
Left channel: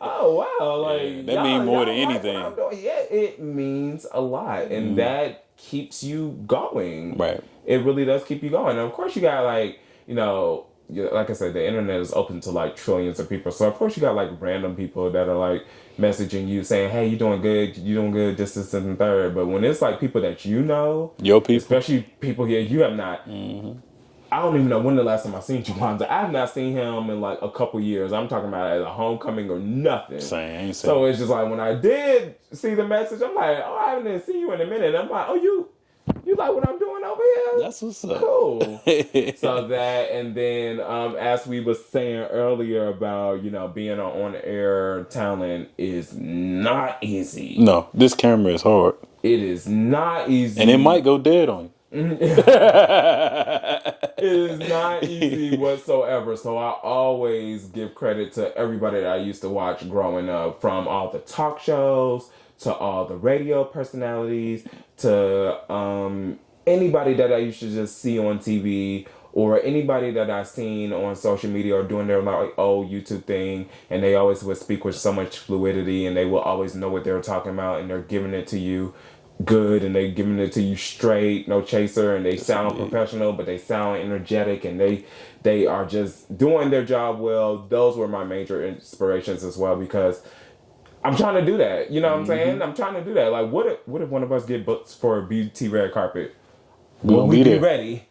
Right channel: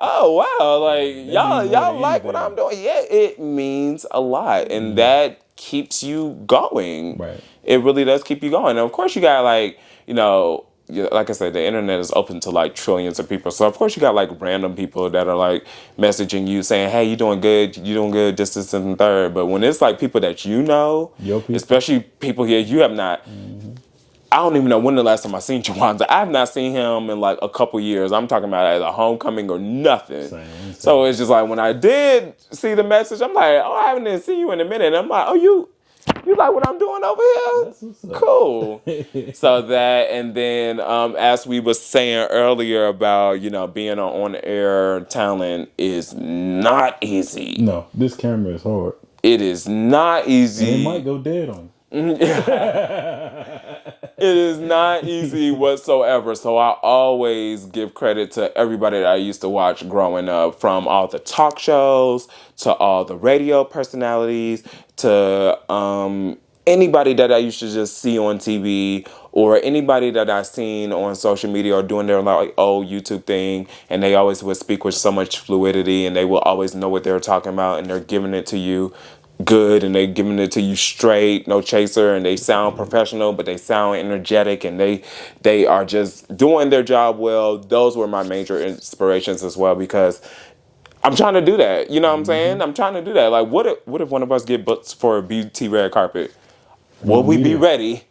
Oh, wow. Like, that y'all like what I'm doing. Yeah, it means a lot. And that keeps you going. Right. It really does keep you going. And of course, you got like I said, the internet is open to like trillions of people. So of course you got like random people that are like messaging you saying, hey, you doing good, this, and third. But when it's like people that your people, especially people here you have not, I don't even know when the last time I seen Jawanza. I have not seen him in like a couple years. I'm talking about at a homecoming or nothing. Same. So it's just like when I did see the message, I'm like, oh, I haven't even seen you in a minute. And I'm like, oh, you like what I'm doing over here? That's what's up. Cool. So that, and then as we were saying earlier about, being on air talent is not easy. No, this camera is hard. It is not easy. And it might go dead on you. It is not easy whatsoever. So I always give credit to everybody that I used to watch growing up, from all the talk shows to all the radio personalities to anybody that I used to just see on TV, or anybody that I seen on social media or doing their like old YouTube thing, and they always would speak with so much fluidity, and they will always know what they're talking about, and they're giving it to you good, and they giving it to you straight, no chaser, and they sound professional, but they sound energetic, and they are just doing their job well. Those were my major inspirations as well, because I'm trying to do that. You know what I'm saying? I'm trying to do that. Like, what if one of us get booked for a BT red carpet? Will we be ready?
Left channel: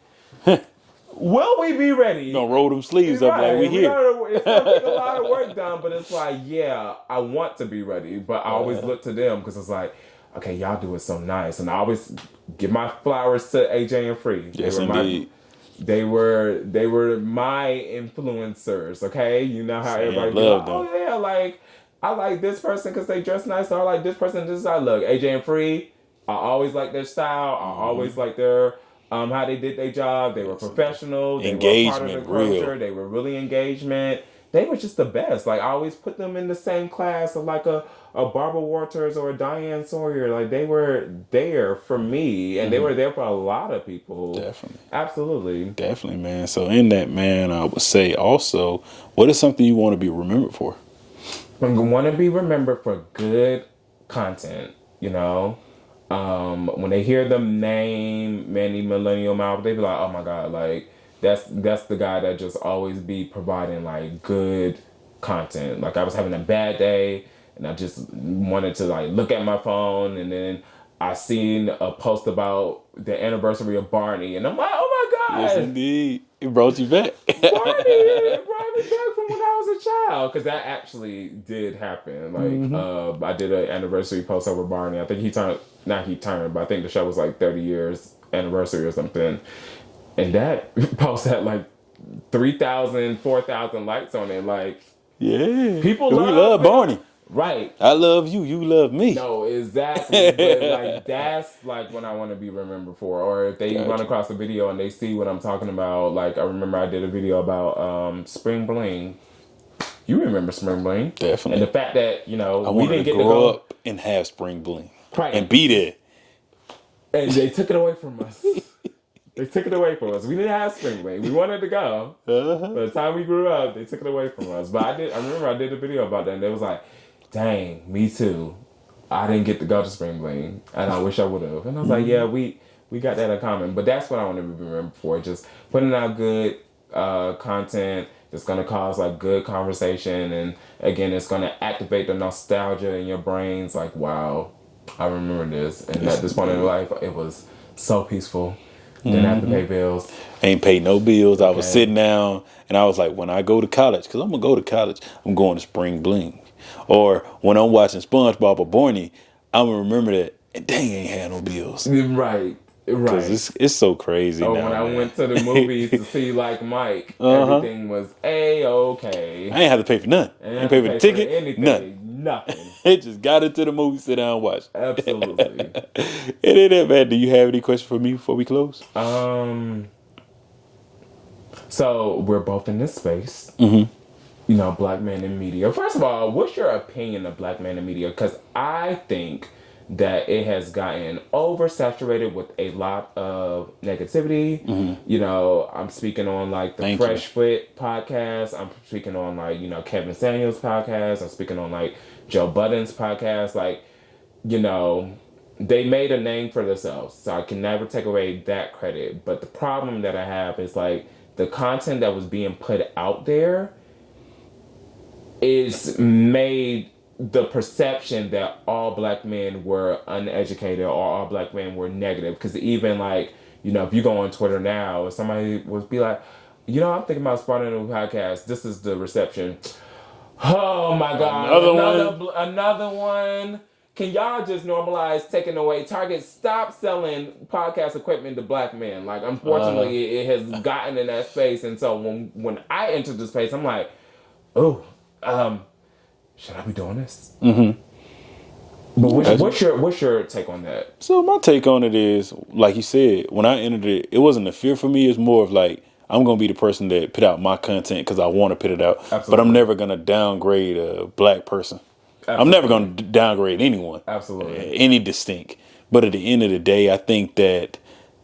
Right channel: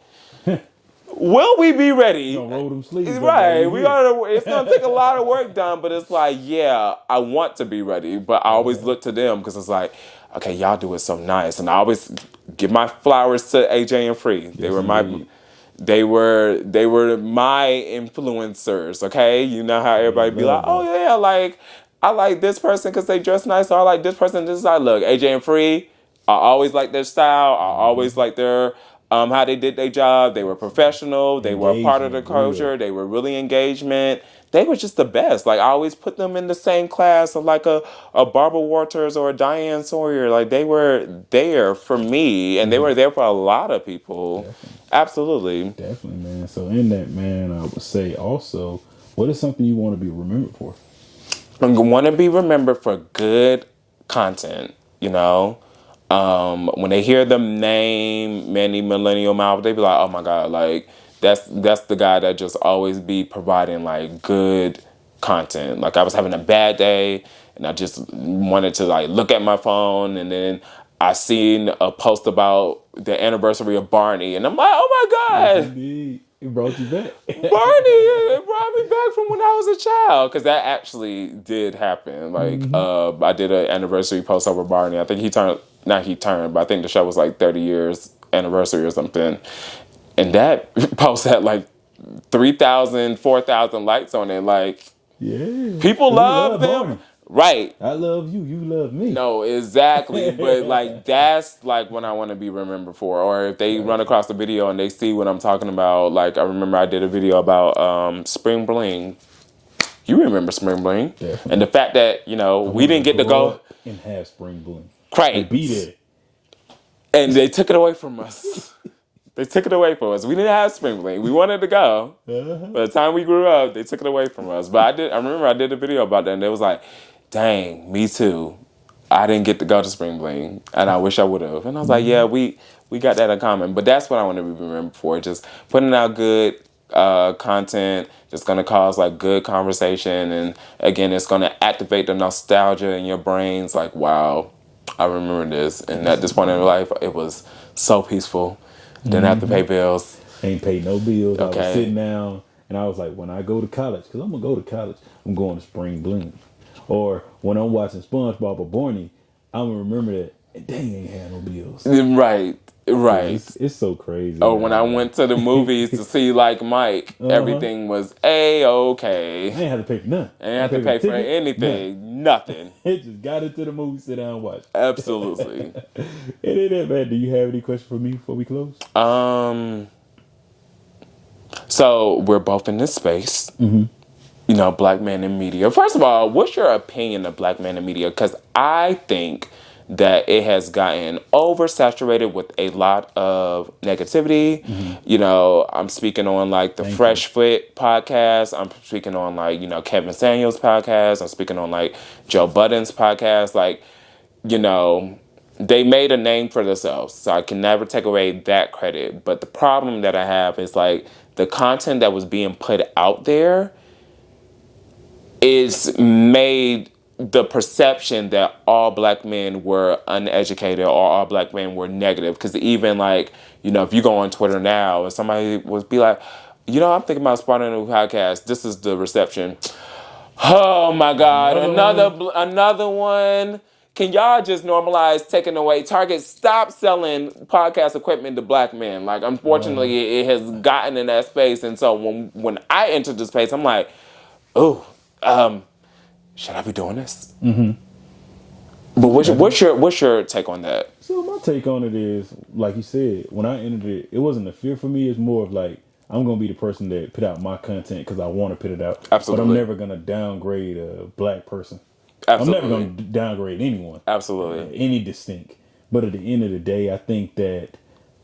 Will we be ready? You gonna roll them sleeves up. Right. It's gonna take a lot of work done, but it's like, yeah, I want to be ready, but I always look to them because it's like, okay, y'all do it so nice, and I always give my flowers to AJ and Free. Yes, They were my influencers. Okay, you know how everybody be like, oh yeah, like I like this person because they dress nice, or I like this person. This is how I look. AJ and Free, I always like their style. I always like their how they did their job. They were professional. They were part of the culture. They were really engagement. They were just the best. Like I always put them in the same class of like a Barbara Walters or a Diane Sawyer. Like they were there for me, and they were there for a lot of people. Definitely. Absolutely. Definitely, man. So in that, man, I would say also, what is something you want to be remembered for? I want to be remembered for good content, when they hear the name Manny, Millennial, they be like, oh my God, like that's the guy that just always be providing like good content. Like I was having a bad day and I just wanted to like look at my phone, and then I seen a post about the anniversary of Barney, and I'm like, oh my God. Yes, indeed. It brought you back. Barney, it brought me back from when I was a child, because that actually did happen. Like, I did an anniversary post over Barney. I think not he turned, but I think the show was like 30 years anniversary or something. And that post had like 3,000, 4,000 likes on it. Like, Yeah. people We love them. Barney. Right. I love you. You love me. No, exactly. But like, that's like what I want to be remembered for. Or if they run across the video and they see what I'm talking about. Like, I remember I did a video about Spring Bling. You remember Spring Bling. Definitely. And the fact that, we didn't get to go up and have Spring Bling. Right. And be there. And they took it away from us. They took it away from us. We didn't have Spring Bling. We wanted to go. By the time we grew up, they took it away from us. But I remember I did a video about that, and they was like, dang, me too. I didn't get to go to Spring Bling, and I wish I would have. And I was like, yeah, we got that in common. But that's what I want to be remembered for, just putting out good content, just going to cause like good conversation. And again, it's going to activate the nostalgia in your brains. Like, wow, I remember this. And at this point in life, it was so peaceful. Didn't have to pay bills. Ain't paid no bills. Okay. I was sitting down, and I was like, when I go to college, because I'm going to go to college, I'm going to Spring Bling. Or when I'm watching SpongeBob or Barney, I'm going to remember that, and dang, ain't had no bills. Right. It's so crazy. Oh, now, when I went to the movies to see like Mike, everything was A-okay. I ain't have to pay for nothing. I ain't have to pay for anything. Nothing. It just got into the movie, sit down and watch. Absolutely. It ain't that bad. Do you have any questions for me before we close? So we're both in this space. Black men in media. First of all, what's your opinion of black men in media? Because I think that it has gotten oversaturated with a lot of negativity. I'm speaking on like the Fresh Fit podcast. I'm speaking on like, Kevin Samuels podcast. I'm speaking on like Joe Budden's podcast. Like, they made a name for themselves. So I can never take away that credit. But the problem that I have is like the content that was being put out there is made the perception that all black men were uneducated or all black men were negative. Because even like, if you go on Twitter now and somebody would be like, I'm thinking about starting a new podcast. This is the reception. Oh my God. Another one. Can y'all just normalize taking away Target? Stop selling podcast equipment to black men. Like, unfortunately, it has gotten in that space. And so when I entered the space, I'm like, should I be doing this? But what's your take on that? So my take on it is, like you said, when I entered it, it wasn't a fear for me. It's more of like, I'm going to be the person that put out my content because I want to put it out. Absolutely. But I'm never going to downgrade a black person. Absolutely. I'm never going to downgrade anyone. Absolutely. Any distinct. But at the end of the day, I think that,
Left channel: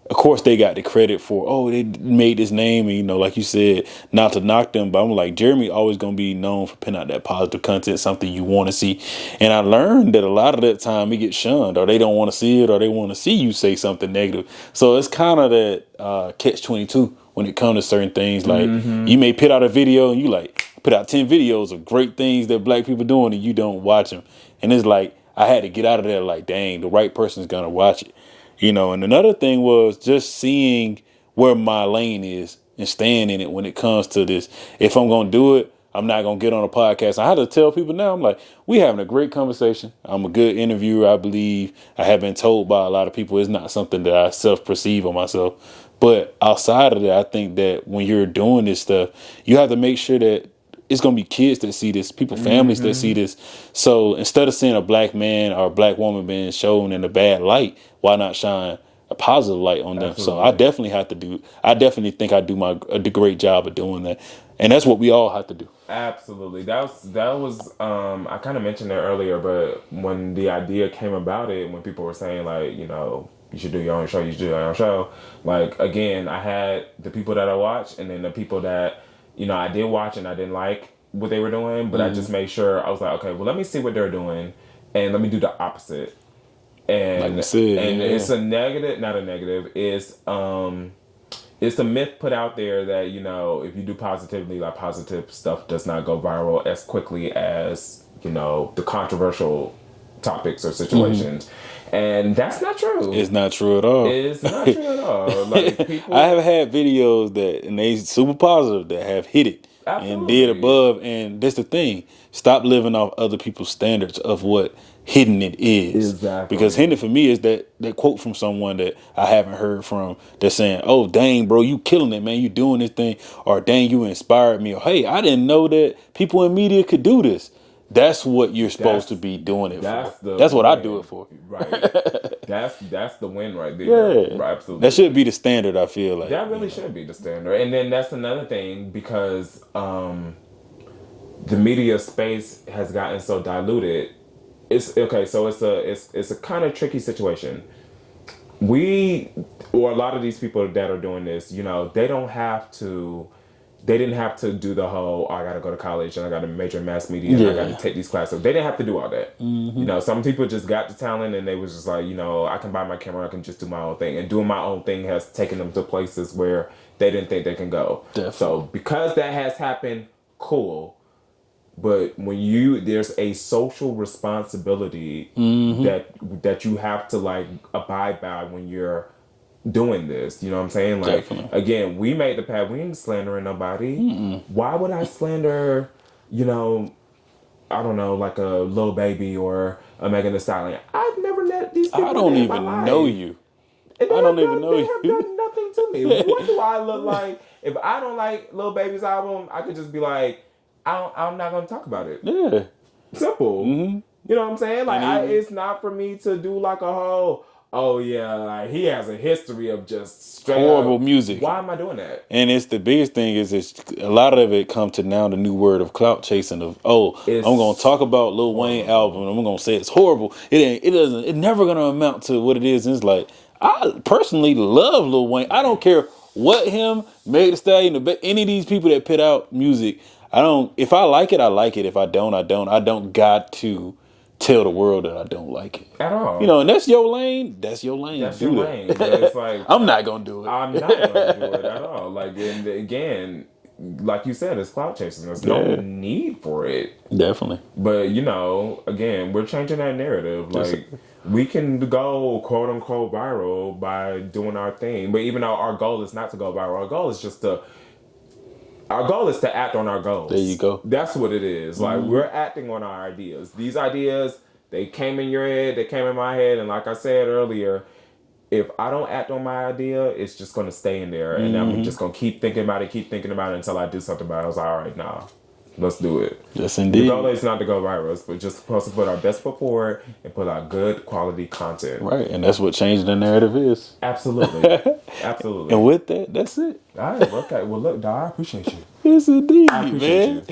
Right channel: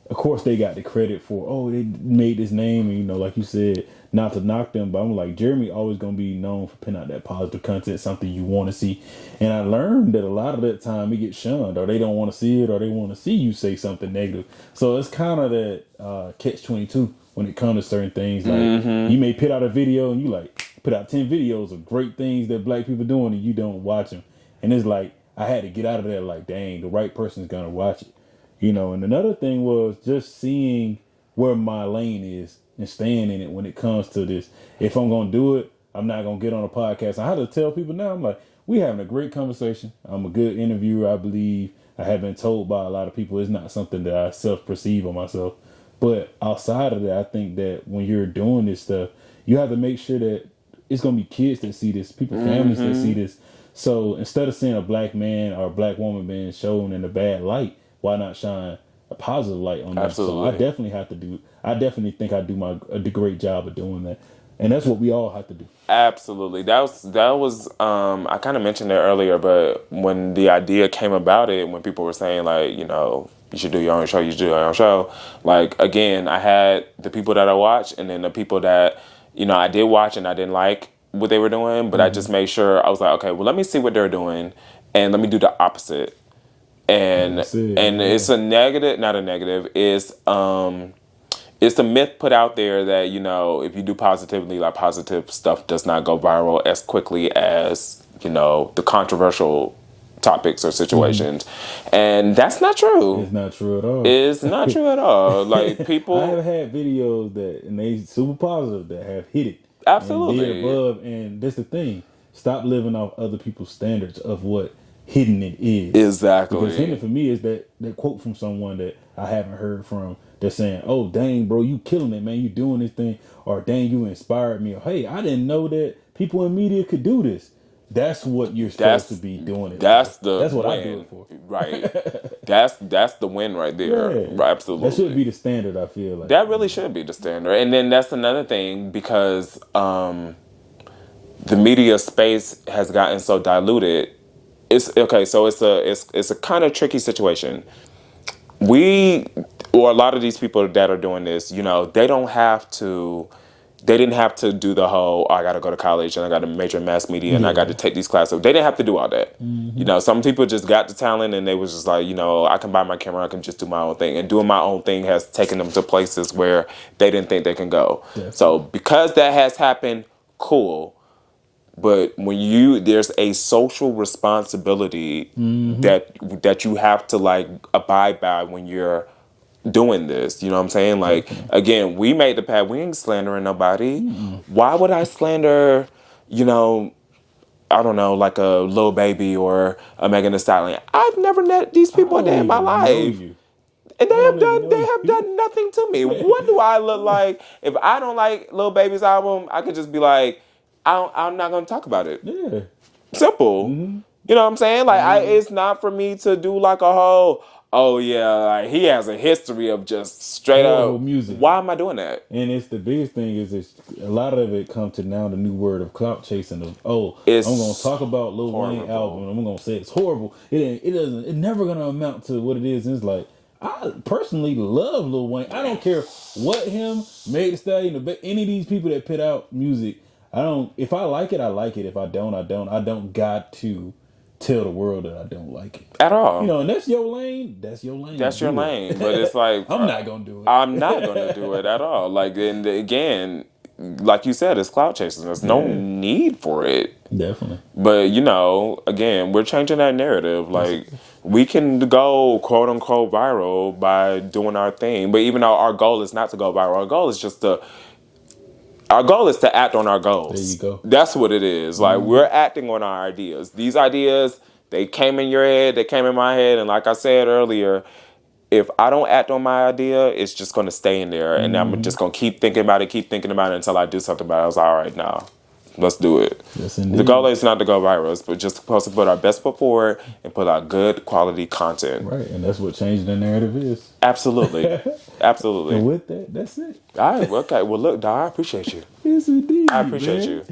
of course, they got the credit for, they made this name. And, like you said, not to knock them. But I'm like, Jeremy always going to be known for putting out that positive content, something you want to see. And I learned that a lot of that time it gets shunned, or they don't want to see it, or they want to see you say something negative. So it's kind of that catch-22 when it comes to certain things. Like, you may put out a video and you like put out 10 videos of great things that black people doing and you don't watch them. And it's like, I had to get out of there like, dang, the right person's going to watch it. And another thing was just seeing where my lane is and staying in it when it comes to this. If I'm going to do it, I'm not going to get on a podcast. I had to tell people now, I'm like, we having a great conversation. I'm a good interviewer, I believe. I have been told by a lot of people it's not something that I self-perceive on myself. But outside of that, I think that when you're doing this stuff, you have to make sure that it's going to be kids that see this, people, families that see this. So instead of seeing a black man or a black woman being shown in a bad light, why not shine a positive light on them? Absolutely. So I definitely think I do a great job of doing that. And that's what we all have to do. Absolutely. That was I kind of mentioned it earlier, but when the idea came about it, when people were saying like, you should do your own show, you should do your own show. Like, again, I had the people that I watched and then the people that, I did watch and I didn't like what they were doing, but I just made sure, I was like, okay, well, let me see what they're doing and let me do the opposite. And it's a negative, not a negative, it's a myth put out there that, if you do positively, like positive stuff does not go viral as quickly as, the controversial topics or situations. And that's not true. It's not true at all. It's not true at all. Like, people, I have had videos that, and they super positive, that have hit it. Absolutely. And did above. And that's the thing. Stop living off other people's standards of what hitting it is. Exactly. Because hitting for me is that quote from someone that I haven't heard from, that's saying, oh, dang, bro, you killing it, man. You doing this thing. Or dang, you inspired me. Or hey, I didn't know that people in media could do this. That's what you're supposed to be doing it for. That's what I do it for. Right. That's the win right there. Yeah. Right, absolutely. That should be the standard, I feel like. That really should be the standard. And then that's another thing, because the media space has gotten so diluted. It's okay, so it's a kind of tricky situation. Or a lot of these people that are doing this, you know, they didn't have to do the whole, I got to go to college and I got to major in mass media and I got to take these classes. They didn't have to do all that. You know, some people just got the talent and they was just like, you know, I can buy my camera, I can just do my own thing. And doing my own thing has taken them to places where they didn't think they can go. Definitely. So because that has happened, cool. But when there's a social responsibility that you have to like abide by when you're doing this, you know what I'm saying? Like, again, we made the path. We ain't slandering nobody. Why would I slander, you know, I don't know, like a Lil Baby or a Megan Thee Stallion? I've never met these people in my life. Know you. And they have done nothing to me. What do I look like? If I don't like Lil Baby's album, I could just be like, I'm not going to talk about it. Yeah. Simple. You know what I'm saying? Like, it's not for me to do like a whole, oh yeah, like he has a history of just straight horrible music. Why am I doing that? And it's the biggest thing is a lot of it come to now the new word of clout chasing of, I'm going to talk about Lil Wayne album and I'm going to say it's horrible. It's never going to amount to what it is. And it's like, I personally love Lil Wayne. I don't care what him, Meg Thee Stallion, any of these people that put out music. If I like it, I like it. If I don't, I don't. I don't got to tell the world that I don't like it. At all. You know, and that's your lane. That's your lane. That's your lane. But it's like, I'm not going to do it. I'm not going to do it at all. Like, and again, like you said, it's clout chasing. There's no need for it. Definitely. But, you know, again, we're changing that narrative. Like, we can go quote unquote viral by doing our thing. But even though our goal is not to go viral, our goal is to act on our goals. There you go. That's what it is. Like, we're acting on our ideas. These ideas, they came in your head, they came in my head. And like I said earlier, if I don't act on my idea, it's just going to stay in there. And I'm just going to keep thinking about it until I do something about it. I was like, all right, now, let's do it. Yes, indeed. The goal is not to go viral. It's just supposed to put our best foot forward and put out good quality content. Right, and that's what changing the narrative is. Absolutely. Absolutely. And with that, that's it. All right, okay. Well, look, Dar, I appreciate you. Yes, indeed, I appreciate you.